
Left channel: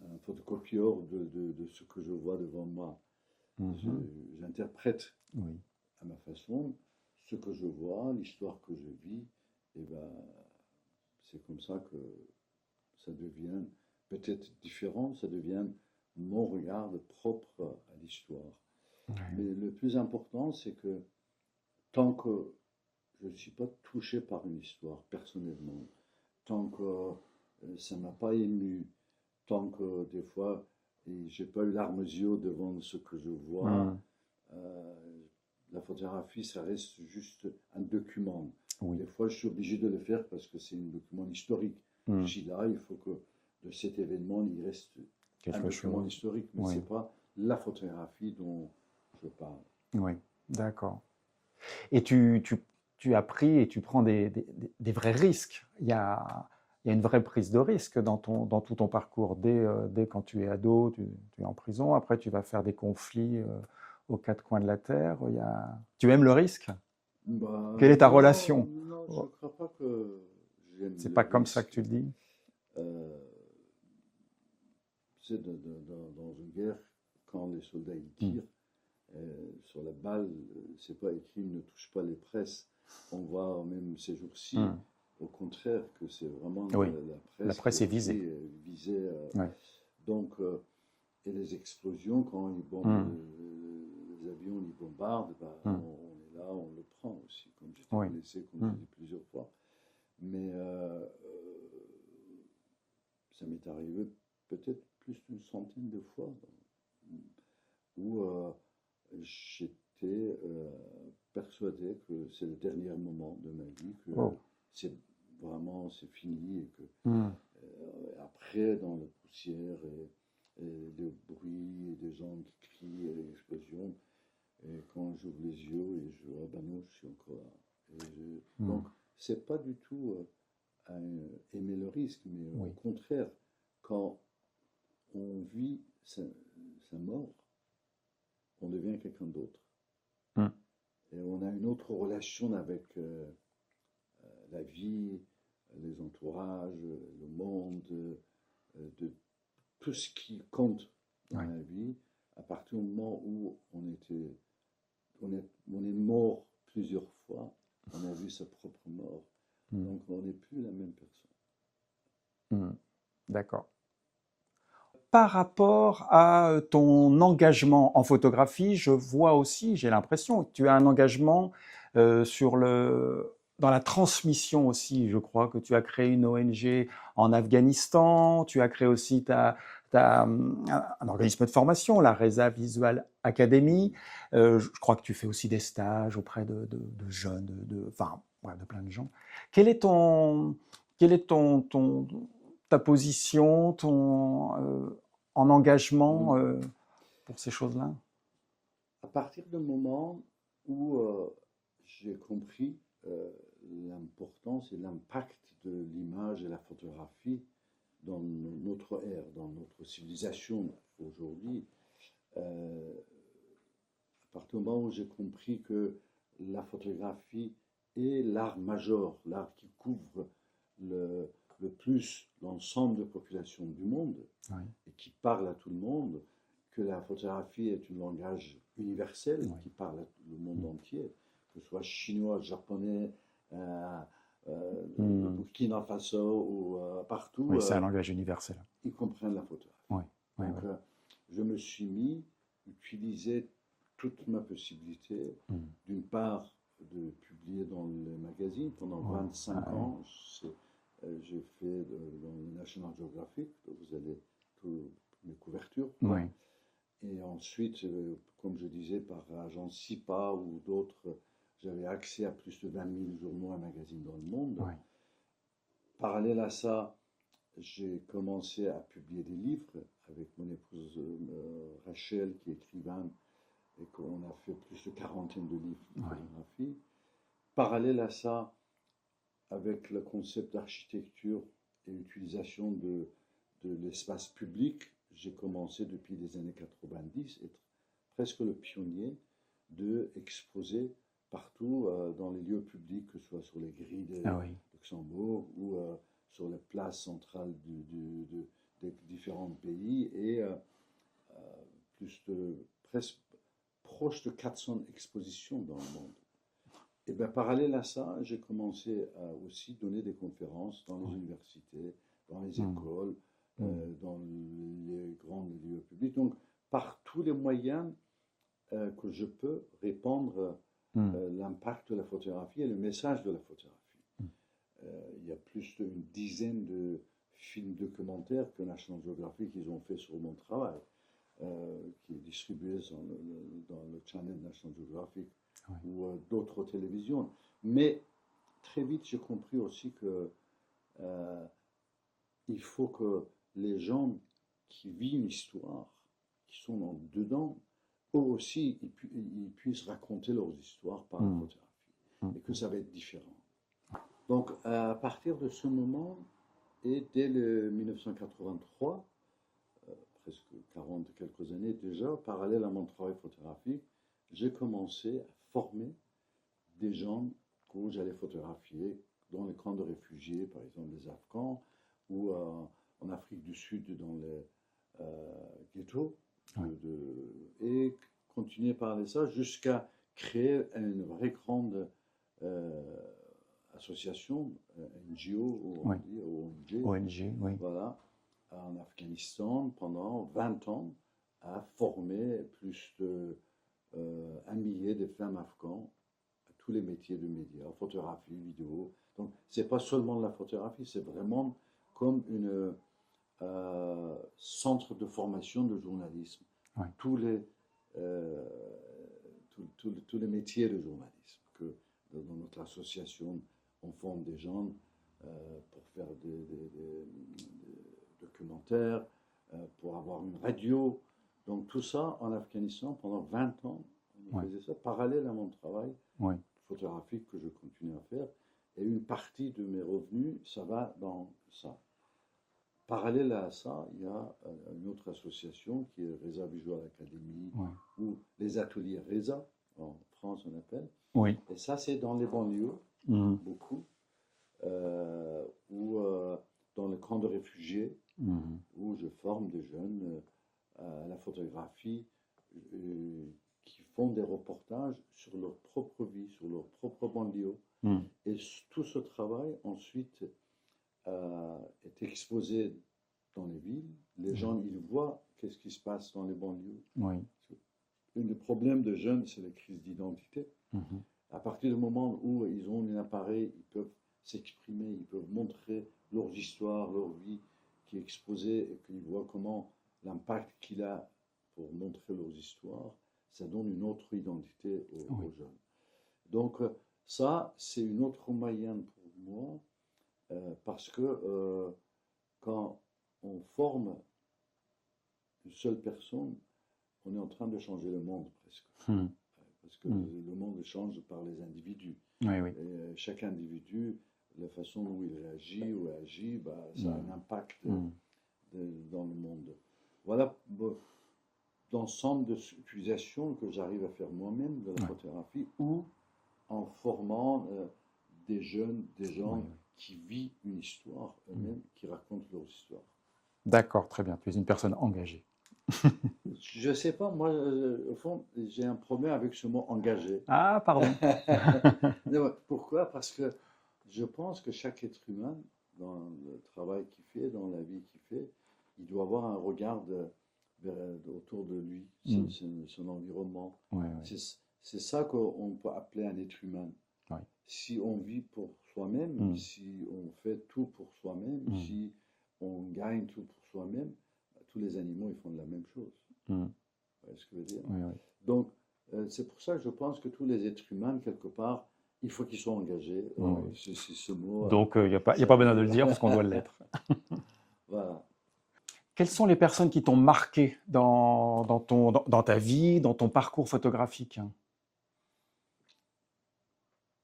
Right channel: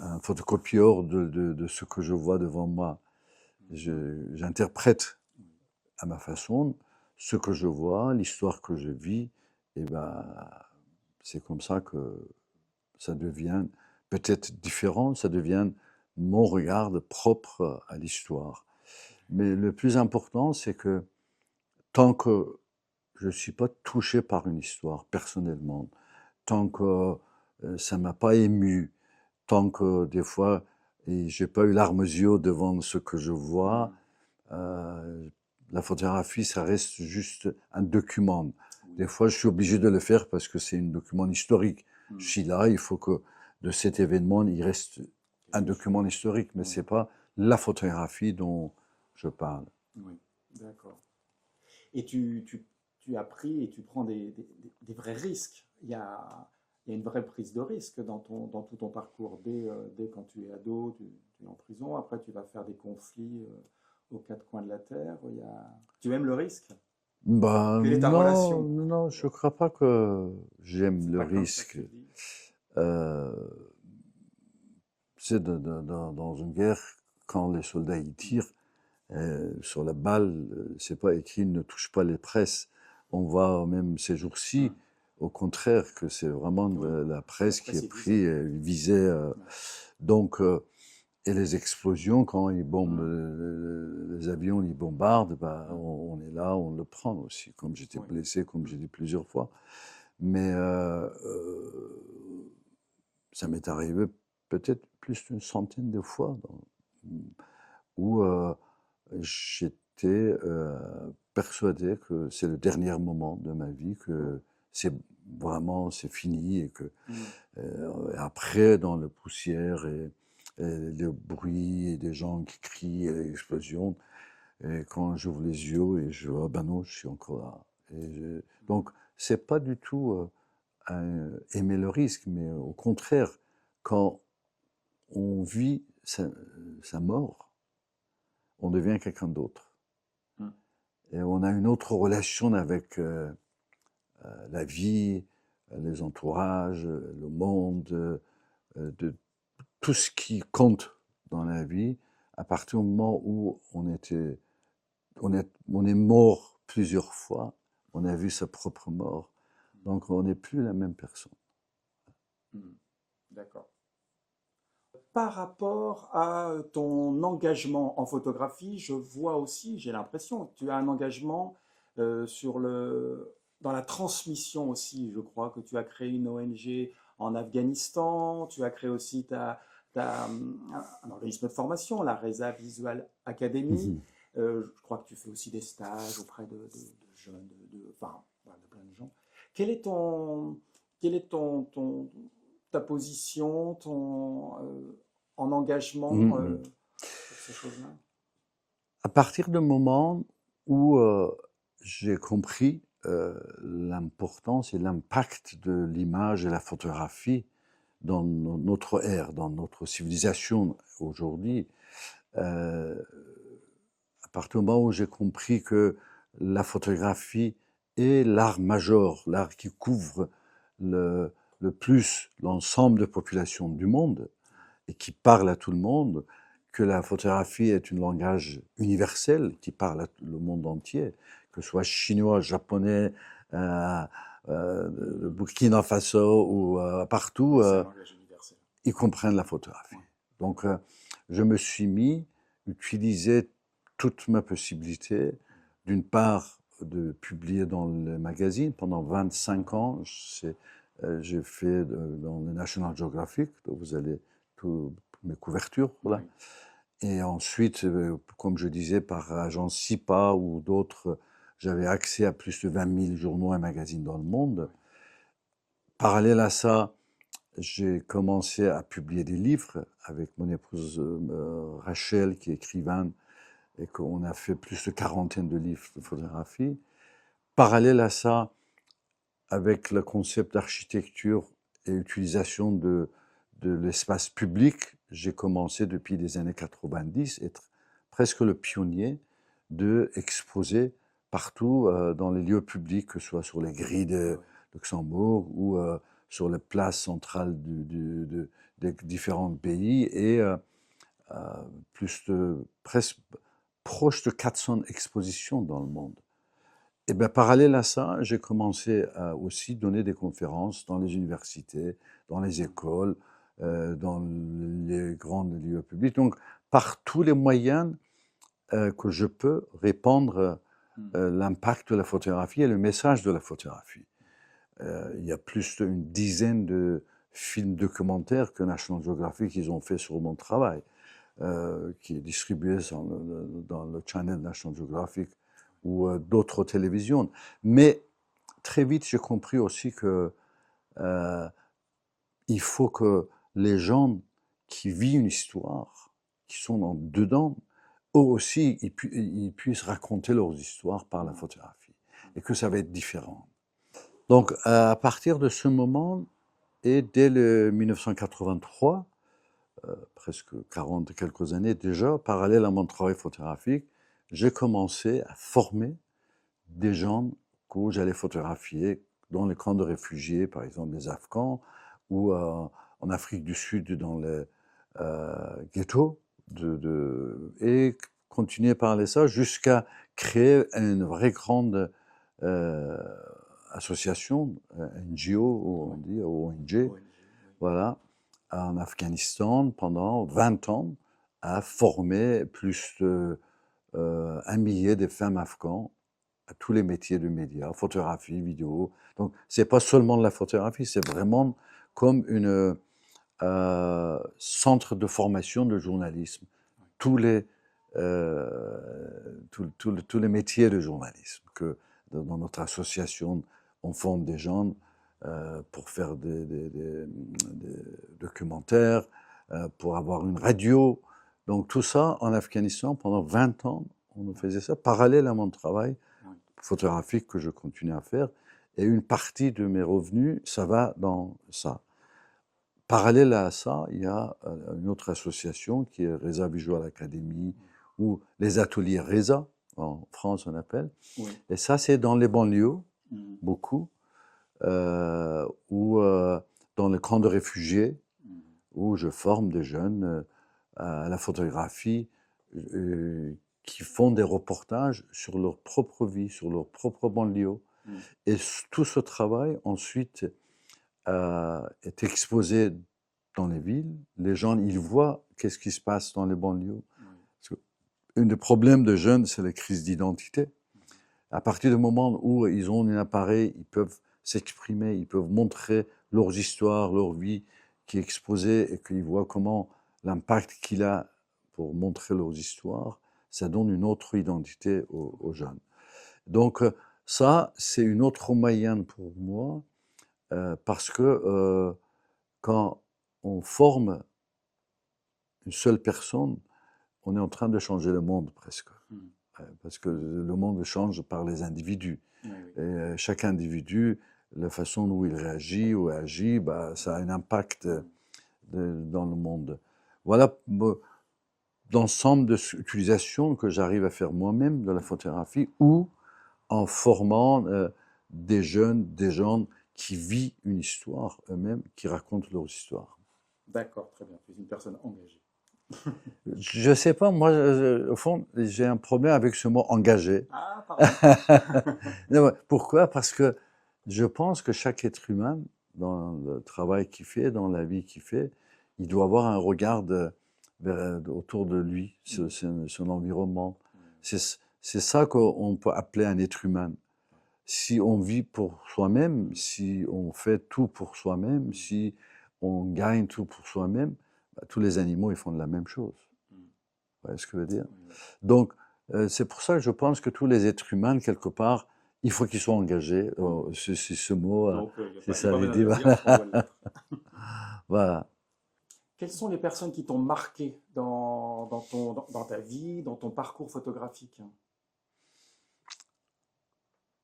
un photocopieur de ce que je vois devant moi. Mmh. J'interprète Oui. à ma façon ce que je vois, l'histoire que je vis, et ben c'est comme ça que ça devient peut-être différent, ça devient mon regard propre à l'histoire. Ouais. Mais le plus important, c'est que tant que je ne suis pas touché par une histoire personnellement, tant que ça ne m'a pas ému, tant que des fois j'ai pas eu larmes aux yeux devant ce que je vois, Mmh. euh, la photographie, ça reste juste un document. Oui. Des fois, je suis obligé de le faire parce que c'est un document historique. Je Mmh. suis là, il faut que de cet événement, il reste un Quelque document chose. historique, mais Oui. c'est pas la photographie dont je parle. Oui. D'accord. Et tu as pris et tu prends des vrais risques. Il y a une vraie prise de risque dans tout ton parcours. Dès quand tu es ado, tu es en prison. Après, tu vas faire des conflits aux quatre coins de la Terre. Tu aimes le risque? Bah Quelle est ta non, relation? non, je Oh, crois pas que j'aime c'est le pas comme ça que risque. tu le dis. Euh, c'est dans une guerre, quand les soldats y Hmm. tirent, sur la balle, c'est pas écrit ne touche pas les presses. On voit même ces jours-ci, Hmm. au contraire, que c'est vraiment Oui, la la presse qui presse est est visée. prise, visée. Ouais. Donc, et les explosions, quand ils bombent, Hmm. les avions, ils bombardent, bah, Hmm. on est là, on le prend aussi. Comme j'étais Oui. blessé, comme Hmm. j'ai dit plusieurs fois. Mais ça m'est arrivé peut-être plus d'une centaine de fois où j'étais persuadé que c'est le dernier moment de ma vie, Oh. que c'est vraiment c'est fini et que Hmm. après dans la poussière et le bruit et des gens qui crient et l'explosion, et quand j'ouvre les yeux et je vois, ah ben non, je suis encore là. Hmm. Donc c'est pas du tout aimer le risque, mais au Oui. contraire, quand on vit sa mort, on devient quelqu'un d'autre. Hmm. Et on a une autre relation avec la vie, les entourages, le monde, de tout ce qui compte dans Ouais. la vie, à partir du moment où on est mort plusieurs fois, on a vu sa propre mort, Hmm. donc on n'est plus la même personne. Hmm. D'accord. Par rapport à ton engagement en photographie, je vois aussi, j'ai l'impression que tu as un engagement dans la transmission aussi. Je crois que tu as créé une ONG en Afghanistan, tu as créé aussi un organisme de formation, la Reza Visual Academy. Mhm. Je crois que tu fais aussi des stages auprès de jeunes, enfin, ouais, de plein de gens. Quel est ta position, en engagement Mhm. pour ces choses-là? À partir du moment où j'ai compris l'importance et l'impact de l'image et la photographie dans notre ère, dans notre civilisation aujourd'hui, euh, à partir du moment où j'ai compris que la photographie est l'art majeur, l'art qui couvre le, le plus l'ensemble de la population du monde Ouais, et qui parle à tout le monde, que la photographie est un langage universel ouais. qui parle à le monde entier, que ce soit chinois, japonais, euh, le Hmm. Burkina Faso ou Oui, partout, c'est un langage universel. ils comprennent la photographie. Ouais, ouais, Donc, ouais. je me suis mis, utiliser toute ma possibilité, Hmm. d'une part, de publier dans le magazine. Pendant Oh, 25 ans, j'ai fait dans le National Geographic, donc vous allez toutes mes couvertures là. ouais, Et ensuite, comme je disais, par agence SIPA ou d'autres, j'avais accès à plus de 20 000 journaux et magazines dans le monde. ouais. Parallèle à ça, j'ai commencé à publier des livres avec mon épouse Rachel, qui est écrivaine, et qu'on a fait plus de quarantaine de livres de photographie. Parallèle à ça, avec le concept d'architecture et utilisation de l'espace public, j'ai commencé depuis les années 90 à être presque le pionnier de exposer partout dans les lieux publics, que ce soit sur les grilles de Luxembourg ou sur les places centrales des différents pays, et presque proche de 400 expositions dans le monde. Et bien, parallèle à ça, j'ai commencé à aussi donner des conférences dans les universités, dans les écoles, dans les grands lieux publics. Donc, par tous les moyens que je peux répandre l'impact de la photographie et le message de la photographie. Il y a plus d'une dizaine de films documentaires que National Geographic ils ont fait sur mon travail, qui est distribué dans le channel National Geographic ou d'autres télévisions. Mais très vite, j'ai compris aussi que il faut que les gens qui vivent une histoire, qui sont dedans, eux aussi, ils puissent raconter leurs histoires par la photographie. Et que ça va être différent. Donc, à partir de ce moment, et dès le 1983, presque 40 quelques années déjà, parallèle à mon travail photographique, j'ai commencé à former des gens que j'allais photographier dans les camps de réfugiés, par exemple les Afghans, ou en Afrique du Sud dans les ghettos, et continuer par parler ça jusqu'à créer une vraie grande association, NGO, on dit, ONG, voilà, en Afghanistan pendant 20 ans, à former plus de 1 millier de femmes afghans à tous les métiers du média, photographie, vidéo. Donc, c'est pas seulement de la photographie, c'est vraiment comme une centre de formation de journalisme. Tous les métiers de journalisme. Que dans notre association, on forme des gens pour faire des documentaires, pour avoir une radio. Donc tout ça en Afghanistan, pendant 20 ans, on faisait ça, parallèle à mon travail photographique que je continue à faire. Et une partie de mes revenus, ça va dans ça. Parallèle à ça, il y a une autre association qui est Reza Visual Academy, ou les ateliers Reza, en France on appelle. Et ça, c'est dans les banlieues, beaucoup, ou dans les camps de réfugiés, où je forme des jeunes à la photographie, qui font des reportages sur leur propre vie, sur leur propre banlieue. Et tout ce travail, ensuite, est exposé dans les villes. Les gens, ils voient qu'est-ce qui se passe dans les banlieues. Un des problèmes de jeunes, c'est la crise d'identité. À partir du moment où ils ont un appareil, ils peuvent s'exprimer, ils peuvent montrer leurs histoires, leur vie qui est exposée, et qu'ils voient comment l'impact qu'il a pour montrer leurs histoires, ça donne une autre identité aux jeunes. Donc ça, c'est une autre moyen pour moi, parce que quand on forme une seule personne, on est en train de changer le monde presque. Parce que le monde change par les individus. Et chaque individu, la façon dont il réagit ou agit, ça a un impact dans le monde. Voilà l'ensemble d'utilisations que j'arrive à faire moi-même de la photographie, ou en formant des jeunes, des gens qui vivent une histoire eux-mêmes, qui racontent leur histoire. D'accord, très bien. Tu es une personne engagée. Je ne sais pas, moi, au fond, j'ai un problème avec ce mot engagé. Ah, pardon. Pourquoi? Parce que je pense que chaque être humain, dans le travail qu'il fait, dans la vie qu'il fait, il doit avoir un regard autour de lui, son environnement. C'est ça qu'on peut appeler un être humain. Si on vit pour soi-même, si on fait tout pour soi-même, si on gagne tout pour soi-même, tous les animaux, ils font de la même chose. Vous voyez ce que je veux dire? Donc, c'est pour ça que je pense que tous les êtres humains, quelque part, Il faut qu'ils soient engagés. Oui. C'est ce mot. Donc, il n'y a C'est pas, y a ça, pas il besoin dit, de le dire parce qu'on doit l'être. voilà. Quelles sont les personnes qui t'ont marqué dans ta vie, dans ton parcours photographique?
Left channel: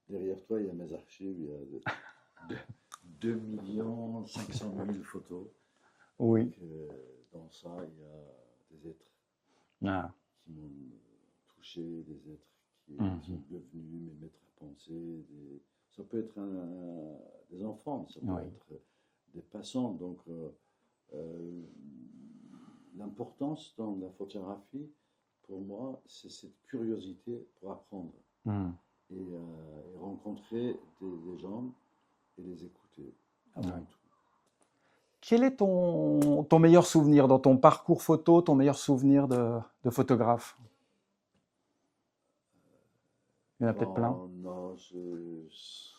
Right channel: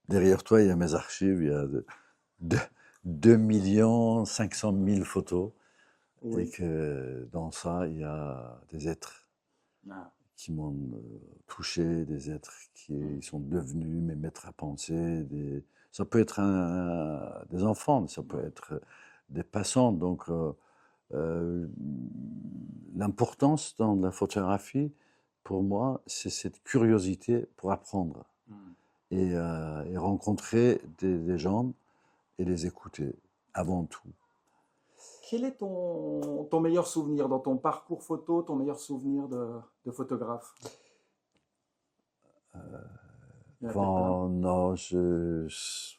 Derrière toi, il y a mes archives, il y a 2 500 000 photos. Et Oui. que dans ça, il y a des êtres Ah. qui m'ont touché, des êtres qui Mhm. sont devenus mes maîtres à penser. Ça peut être des enfants, ça peut Ouais. être des passants. Donc, euh, l'importance dans la photographie, pour moi, c'est cette curiosité pour apprendre Mhm. et rencontrer des gens et les écouter Ouais. avant tout. Quel est ton meilleur souvenir dans ton parcours photo, ton meilleur souvenir de photographe? Il y en a peut-être plein. Bon, non, je sais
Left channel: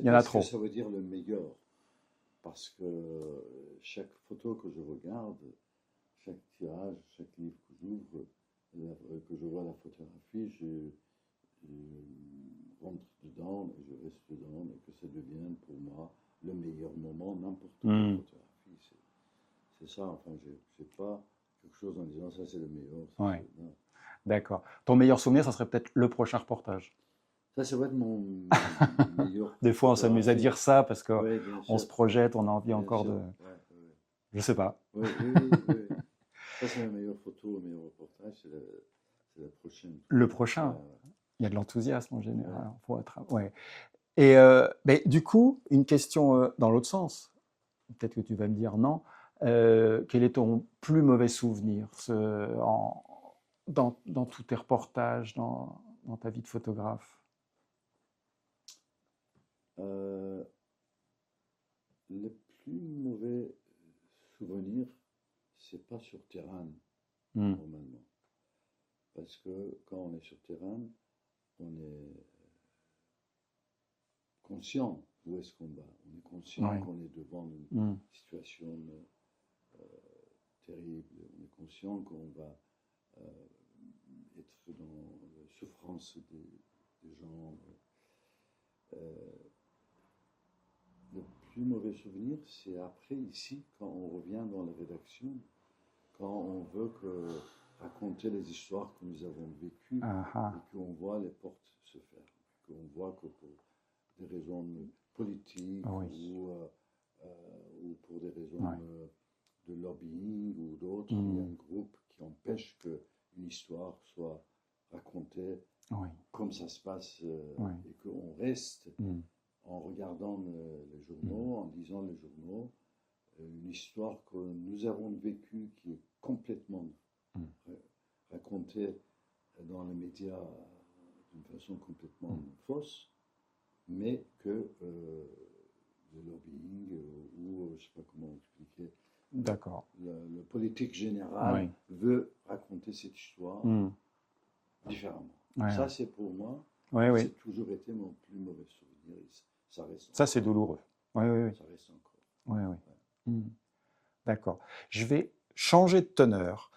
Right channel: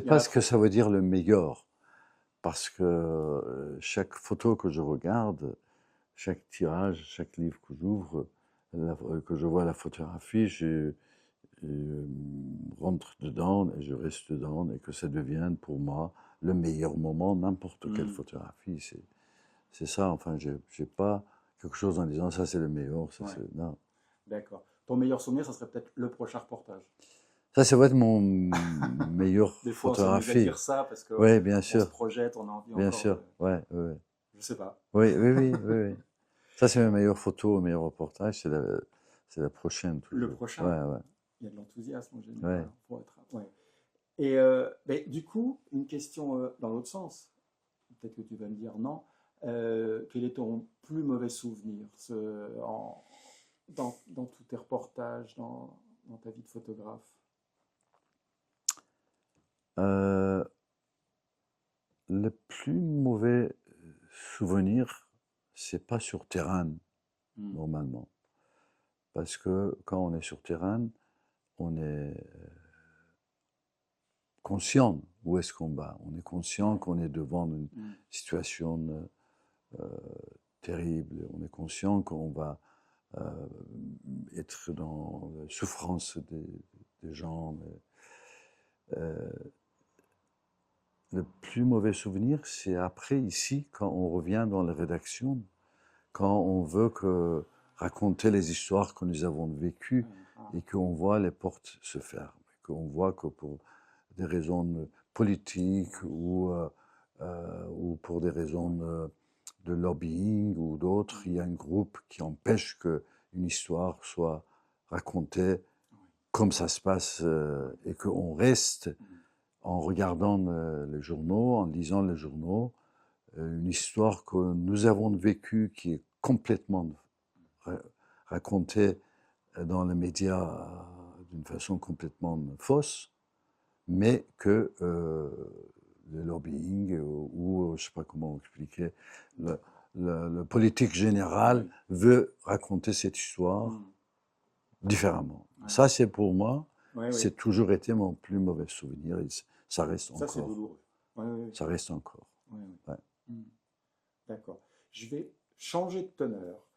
Il y en pas a ce que trop. ça veut dire le meilleur, parce que chaque photo que je regarde, chaque tirage, chaque livre que j'ouvre, que je vois la photographie, je rentre dedans et je reste dedans et que ça devienne pour moi le meilleur moment, n'importe quelle Mhm. photographie. C'est ça, enfin, j'ai pas quelque chose en disant ça c'est le meilleur, ça Ouais. c'est... Non. D'accord. Ton meilleur souvenir, ça serait peut-être le prochain reportage. Ça, c'est vrai de mon meilleur Des fois, on s'amuse à photographie. dire ça parce Oui, bien qu'on se sûr, projette, on a envie bien encore de. sûr. Ouais, ouais, ouais. Je sais pas. Oui, oui, oui, oui, oui. Ça, c'est mes meilleures photos, mes meilleurs reportages. C'est la prochaine, Le toujours. prochain, Ouais, ouais, il y a de l'enthousiasme en ouais. général. Ouais. Et mais du coup, une question dans l'autre sens. Peut-être que tu vas me dire non. Quel est ton plus mauvais souvenir dans tous tes reportages, dans ta vie de photographe? Euh, le plus mauvais souvenir, c'est pas sur terrain, Hmm. normalement. Parce que quand on est sur terrain, on est conscient où est-ce qu'on va. On est conscient Ouais. qu'on est devant une Hmm. situation euh, terrible. On est conscient qu'on va être dans la souffrance des gens. Euh, le plus mauvais souvenir, c'est après, ici, quand on revient dans la rédaction, quand on veut raconter les histoires que nous avons vécues Ah, ah. et qu'on voit les portes se fermer, qu'on voit que pour des raisons politiques Oui. ou pour des raisons Ouais. de lobbying ou d'autres, il y a Hmm. un groupe qui empêche qu'une histoire soit racontée Oui. comme ça se passe Oui. et qu'on reste Hmm. en regardant les Hmm. journaux, en lisant les journaux, une histoire que nous avons vécue qui est complètement Hmm. racontée dans les médias d'une façon complètement fausse, mais que le lobbying ou je ne sais pas comment expliquer, le, D'accord. le politique général Oui. veut raconter cette histoire Hmm. différemment. Ouais, Ça, ouais. c'est pour moi, Ouais, oui. c'est toujours été mon plus mauvais souvenir. Et ça reste Ça, c'est encore. douloureux. Oui, oui, oui. Ça reste encore. Ouais, ouais. Ouais. Hmm. D'accord. Je vais changer de teneur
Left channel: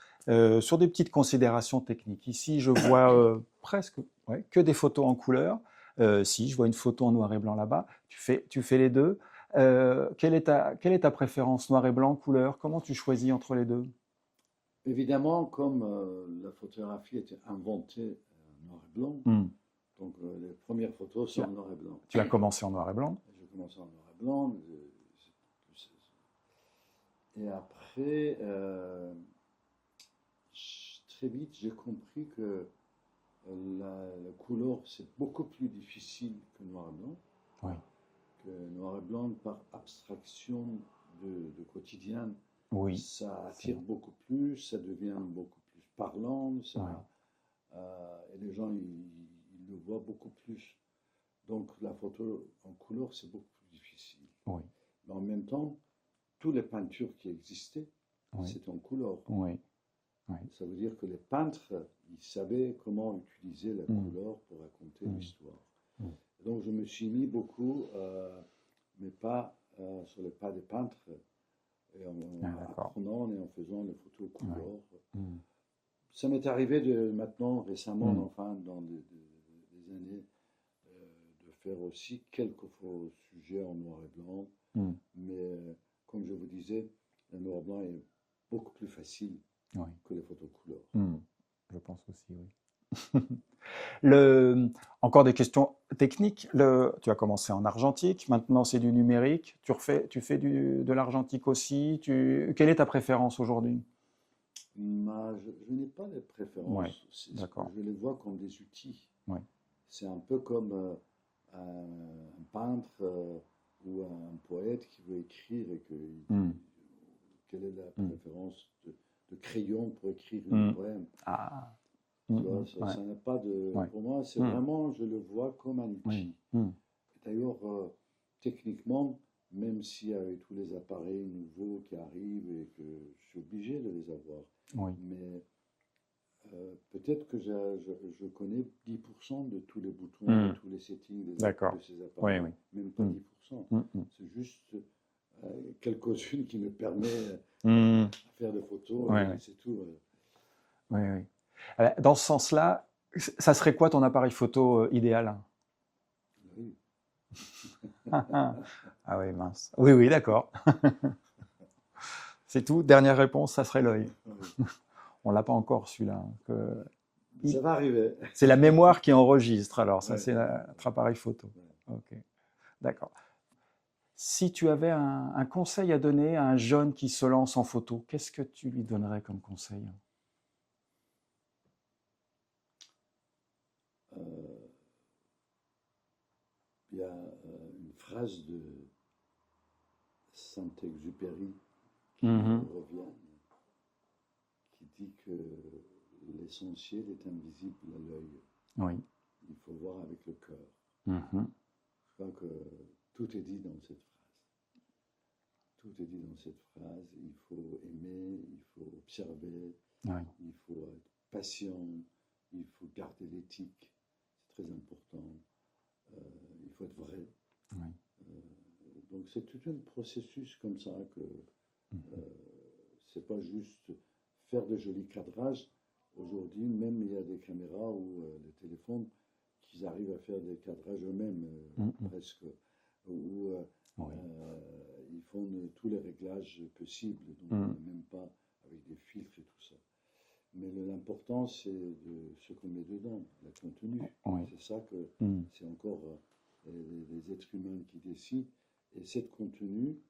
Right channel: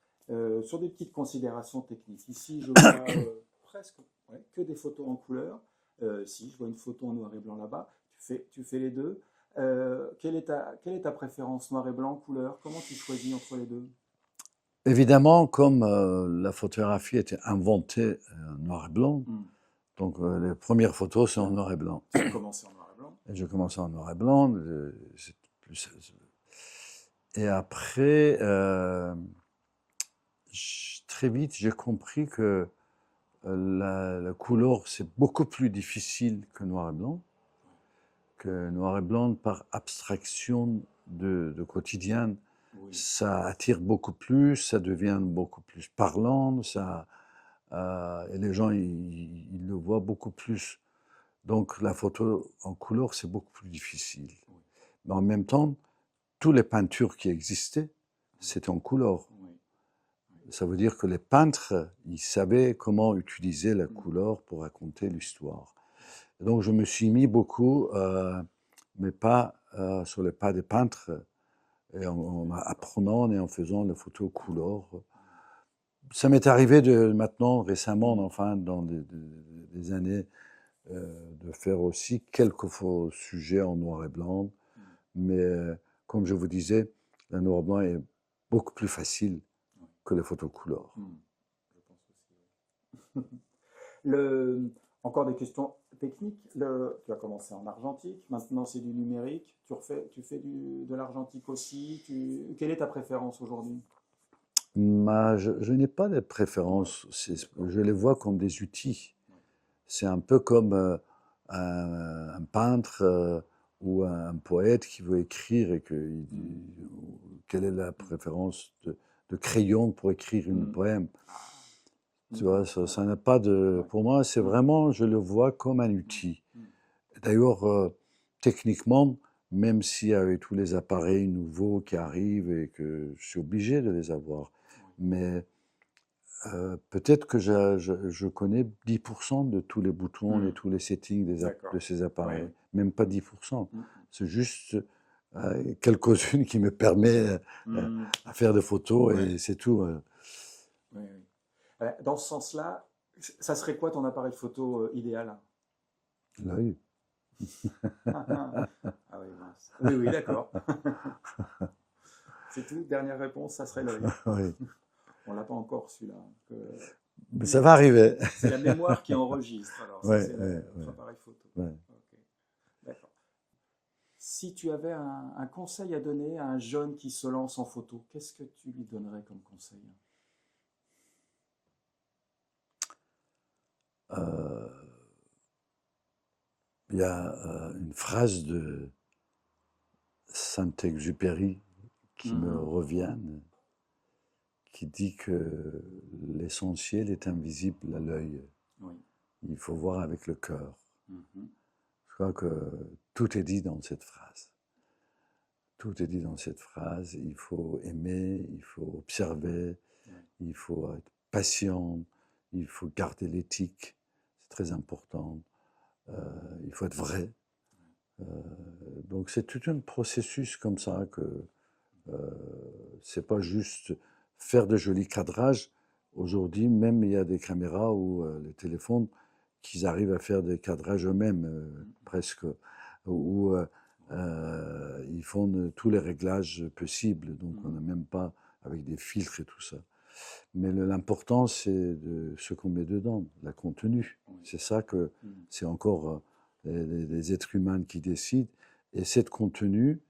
sur des petites considérations techniques. Ici, je vois presque ouais, que des photos en couleur. Si, je vois une photo en noir et blanc là-bas. Tu fais les deux. Quelle est ta préférence, noir et blanc, couleur? Comment tu choisis entre les deux? Évidemment, comme la photographie était inventée en noir et blanc, Hmm. donc les premières photos Tu sont en as, noir et blanc. tu as commencé en noir et blanc. Et je commençais en noir et blanc. Et après, très vite, j'ai compris que la couleur, c'est beaucoup plus difficile que noir et blanc. Oui. Que noir et blanc, par abstraction de quotidien, Oui. ça attire beaucoup plus, ça devient beaucoup plus parlant, Hmm. et les gens, ils le voient beaucoup plus. Donc la photo en couleur, c'est beaucoup plus difficile. Oui. Mais en même temps, toutes les peintures qui existaient, Oui. c'était en couleur. Oui. Oui. Ça veut dire que les peintres, ils savaient comment utiliser la Hmm. couleur pour raconter Hmm. l'histoire. Hmm. Donc je me suis mis beaucoup, mais pas sur les pas des peintres, et en D'accord. apprenant et en faisant les photos Ouais. couleur. Hmm. Ça m'est arrivé maintenant, récemment, Hmm. enfin, dans des années, de faire aussi quelques sujets en noir et blanc. Mm. Mais comme je vous disais, le noir et blanc est beaucoup plus facile Oui. que les photos couleur. Mm. Je pense aussi, oui. Le, encore des questions techniques. Tu as commencé en argentique, maintenant c'est du numérique. Tu fais de l'argentique aussi. Quelle est ta préférence aujourd'hui? Je n'ai pas de Ouais, préférence, d'accord. je les vois comme des outils. Ouais. C'est un peu comme un peintre ou un poète qui veut écrire et il Mm. dit quelle est la Mm. préférence de crayon pour écrire une Mm. poème. Ah. Mm, Tu vois, mm, ouais, ça n'a pas de. ouais. Pour moi, c'est Mm. vraiment, je le vois comme un Oui. outil. Mm. D'ailleurs, techniquement, même s'il y avait tous les appareils nouveaux qui arrivent et que je suis obligé de les avoir, Oui. mais peut-être que je connais 10% de tous les boutons et Mm. tous les settings de D'accord. ces Oui, appareils, oui. même pas Mm. 10%. Mm, mm. C'est juste quelques-unes qui me permettent Mm. à faire des photos et Ouais. c'est tout. Oui, oui. Dans ce sens-là, ça serait quoi ton appareil photo idéal? L'œil. Ah oui, mince. Oui, oui, d'accord. C'est tout. Dernière réponse, ça serait l'œil. Oui. On l'a pas encore celui-là, hein, Mais ça va arriver. c'est la mémoire qui enregistre. Alors ça, Ouais, c'est ouais, notre appareil photo. ouais. Ok, d'accord. Si tu avais un conseil à donner à un jeune qui se lance en photo, qu'est-ce que tu lui donnerais comme conseil? Euh, Il y a une phrase de Saint-Exupéry qui me Mhm. revient, qui dit que l'essentiel est invisible à l'œil. Oui. Il faut voir avec le cœur. Mhm. Je crois que tout est dit dans cette phrase. Tout est dit dans cette phrase. Il faut aimer, il faut observer, Oui. il faut être patient, il faut garder l'éthique, c'est très important. Il faut être vrai. Oui. Euh, donc c'est tout un processus comme ça que c'est pas juste faire de jolis cadrages. Aujourd'hui, même il y a des caméras ou les téléphones qui arrivent à faire des cadrages eux-mêmes, Mhm. presque, où Oui. ils font tous les réglages possibles. Donc on Mhm. n'a même pas avec des filtres et tout ça. Mais l'important, c'est de ce qu'on met dedans, la contenu. Oui. C'est ça que Mhm. c'est encore les êtres humains qui décident. Et cette contenu,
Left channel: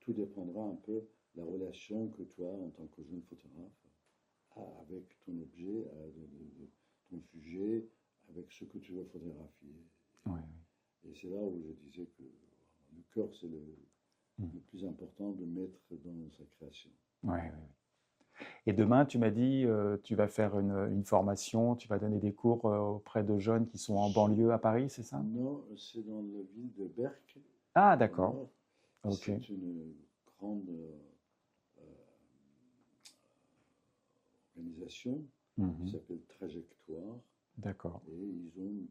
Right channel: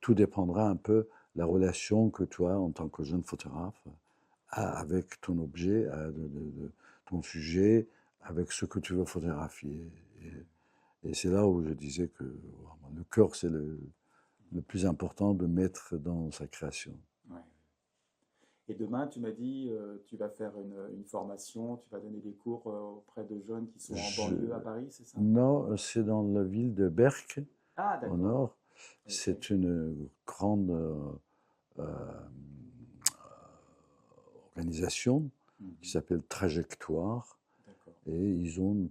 tout dépendra un peu de la relation que tu as en tant que jeune photographe avec ton objet, ton sujet, avec ce que tu veux photographier. Oui. Et c'est là où je disais que le cœur, c'est Mhm. le plus important de mettre dans sa création. Oui, oui. Et demain, tu m'as dit, tu vas faire une formation, tu vas donner des cours auprès de jeunes qui sont en Je, banlieue à Paris, c'est ça? non, c'est dans la ville de Berck, Ah, au d'accord. nord. Ok. C'est une grande euh, organisation qui Mhm. s'appelle Trajectoire. D'accord. Et ils ont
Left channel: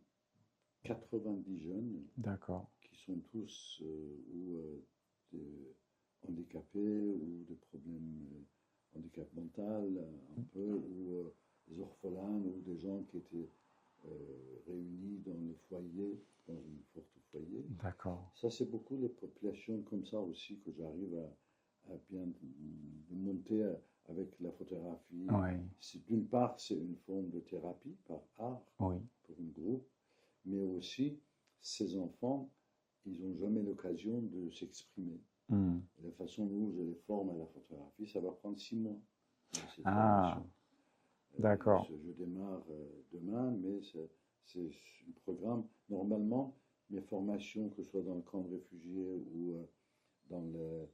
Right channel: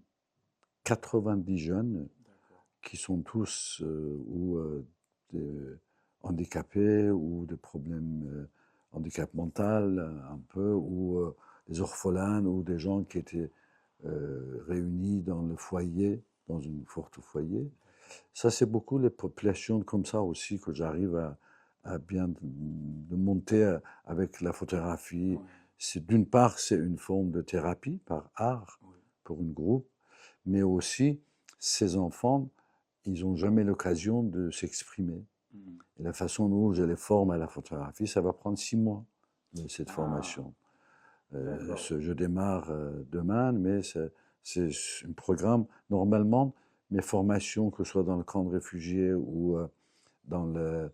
90 jeunes D'accord. qui sont tous ou handicapés ou des problèmes handicap mental un peu, ou des orphelins ou des gens qui étaient réunis dans le foyer, dans une forte foyer. D'accord. Ça, c'est beaucoup les populations comme ça aussi que j'arrive à bien de monter avec la photographie. Oui. D'une part, c'est une forme de thérapie par art Oui. pour une groupe, mais aussi ces enfants, ils n'ont jamais l'occasion de s'exprimer. Mhm. Et la façon dont je les forme à la photographie, ça va prendre 6 mois, cette Ah, formation. d'accord. Je démarre demain, mais c'est un programme. Normalement, mes formations, que ce soit dans le camp de réfugiés ou dans le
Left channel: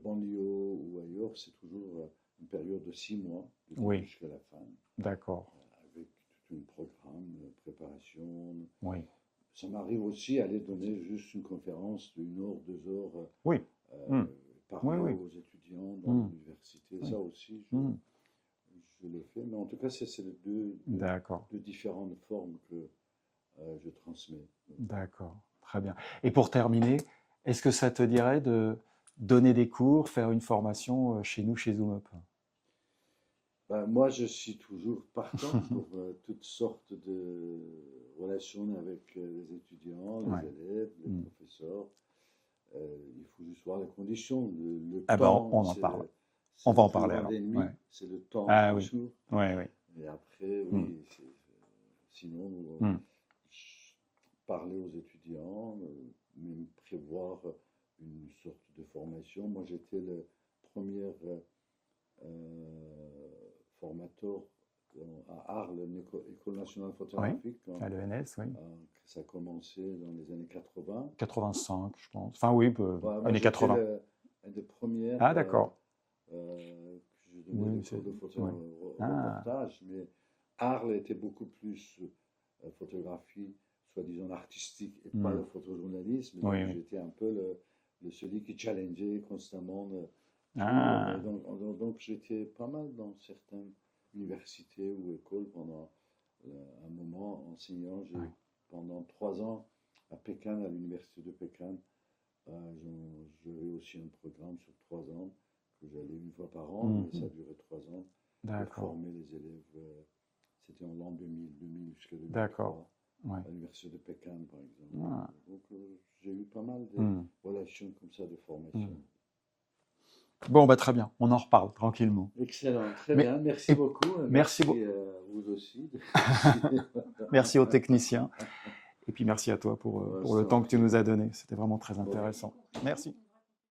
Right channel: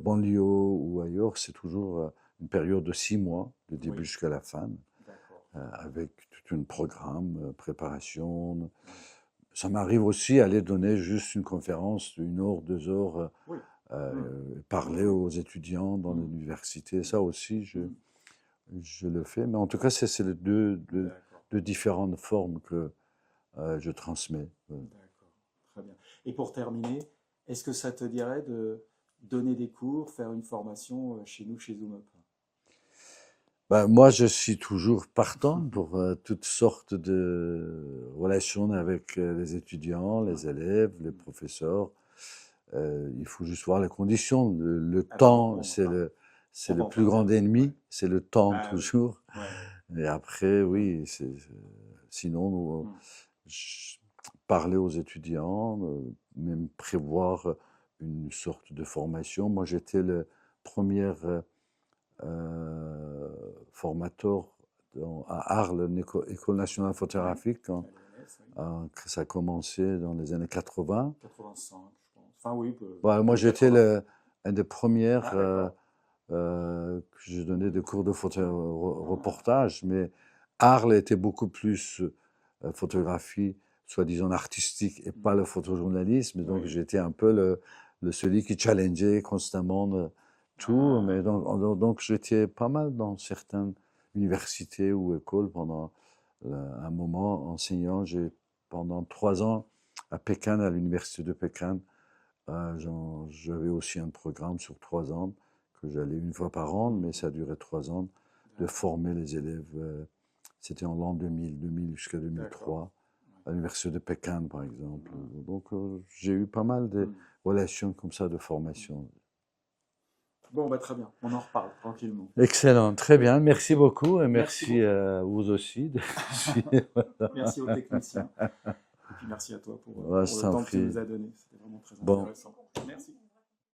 banlieue ou ailleurs, c'est toujours une période de 6 mois, du début Oui. jusqu'à la fin, D'accord. avec tout un programme, préparation. Oui. Ça m'arrive aussi aller donner juste une conférence d'une heure, 2 heures, Oui. Mhm. Oui, parler oui. aux étudiants dans Mhm. l'université. Mhm. Ça aussi, Mhm. je le fais. Mais en tout cas, c'est les D'accord. deux différentes formes que je transmets. Ouais. D'accord. Très bien. Et pour terminer, est-ce que ça te dirait de donner des cours, faire une formation chez nous, chez ZoomUp? Ben, moi, je suis toujours partant pour toutes sortes de relations avec les étudiants, Ouais. les élèves, les professeurs. Il faut juste voir les conditions. Le Ah ben, temps, on en parle. c'est On va le en plus parler grand alors. Ouais. ennemi, c'est le temps Ah oui. toujours. Ouais, ouais. Et après, Mm. oui, sinon, Mm. parler aux étudiants, même prévoir une sorte de formation. Moi, j'étais le premier formateur à Arles, École nationale Oui. photographique, À l'ENS, oui. que ça a commencé dans les années 80. 85, je pense. Enfin oui, Ouais, moi, années j'étais 80. un des premiers Ah d'accord. que je donnais des Oui, cours de ouais. Ah, reportage, mais Arles était beaucoup plus photographie, soi-disant artistique, et pas mm. le photojournalisme. Oui, Donc, oui. j'étais un peu celui qui challengeait constamment tout. Ah, Mais donc, j'étais pas mal dans certaines universités ou écoles pendant un moment enseignant. Pendant 3 ans à Pékin, à l'université de Pékin. J'avais aussi un programme sur 3 ans que j'allais une fois par an, mais mhm. ça durait 3 ans, de D'accord, former les élèves. C'était en l'an 2000 jusqu'à d'accord. 2003, Ouais. à l'université de Pékin, par exemple. Ah, Donc, j'ai eu pas mal de mm, relations comme ça de mm. formation. Bon, bah très bien. On en reparle tranquillement. Excellent, très Mais, bien. Merci et beaucoup et merci, merci à vous aussi de merci aux techniciens. Et puis merci à toi Ouais, pour je le t'en temps que tu prie. nous as donné. C'était vraiment très Bon, intéressant. Merci.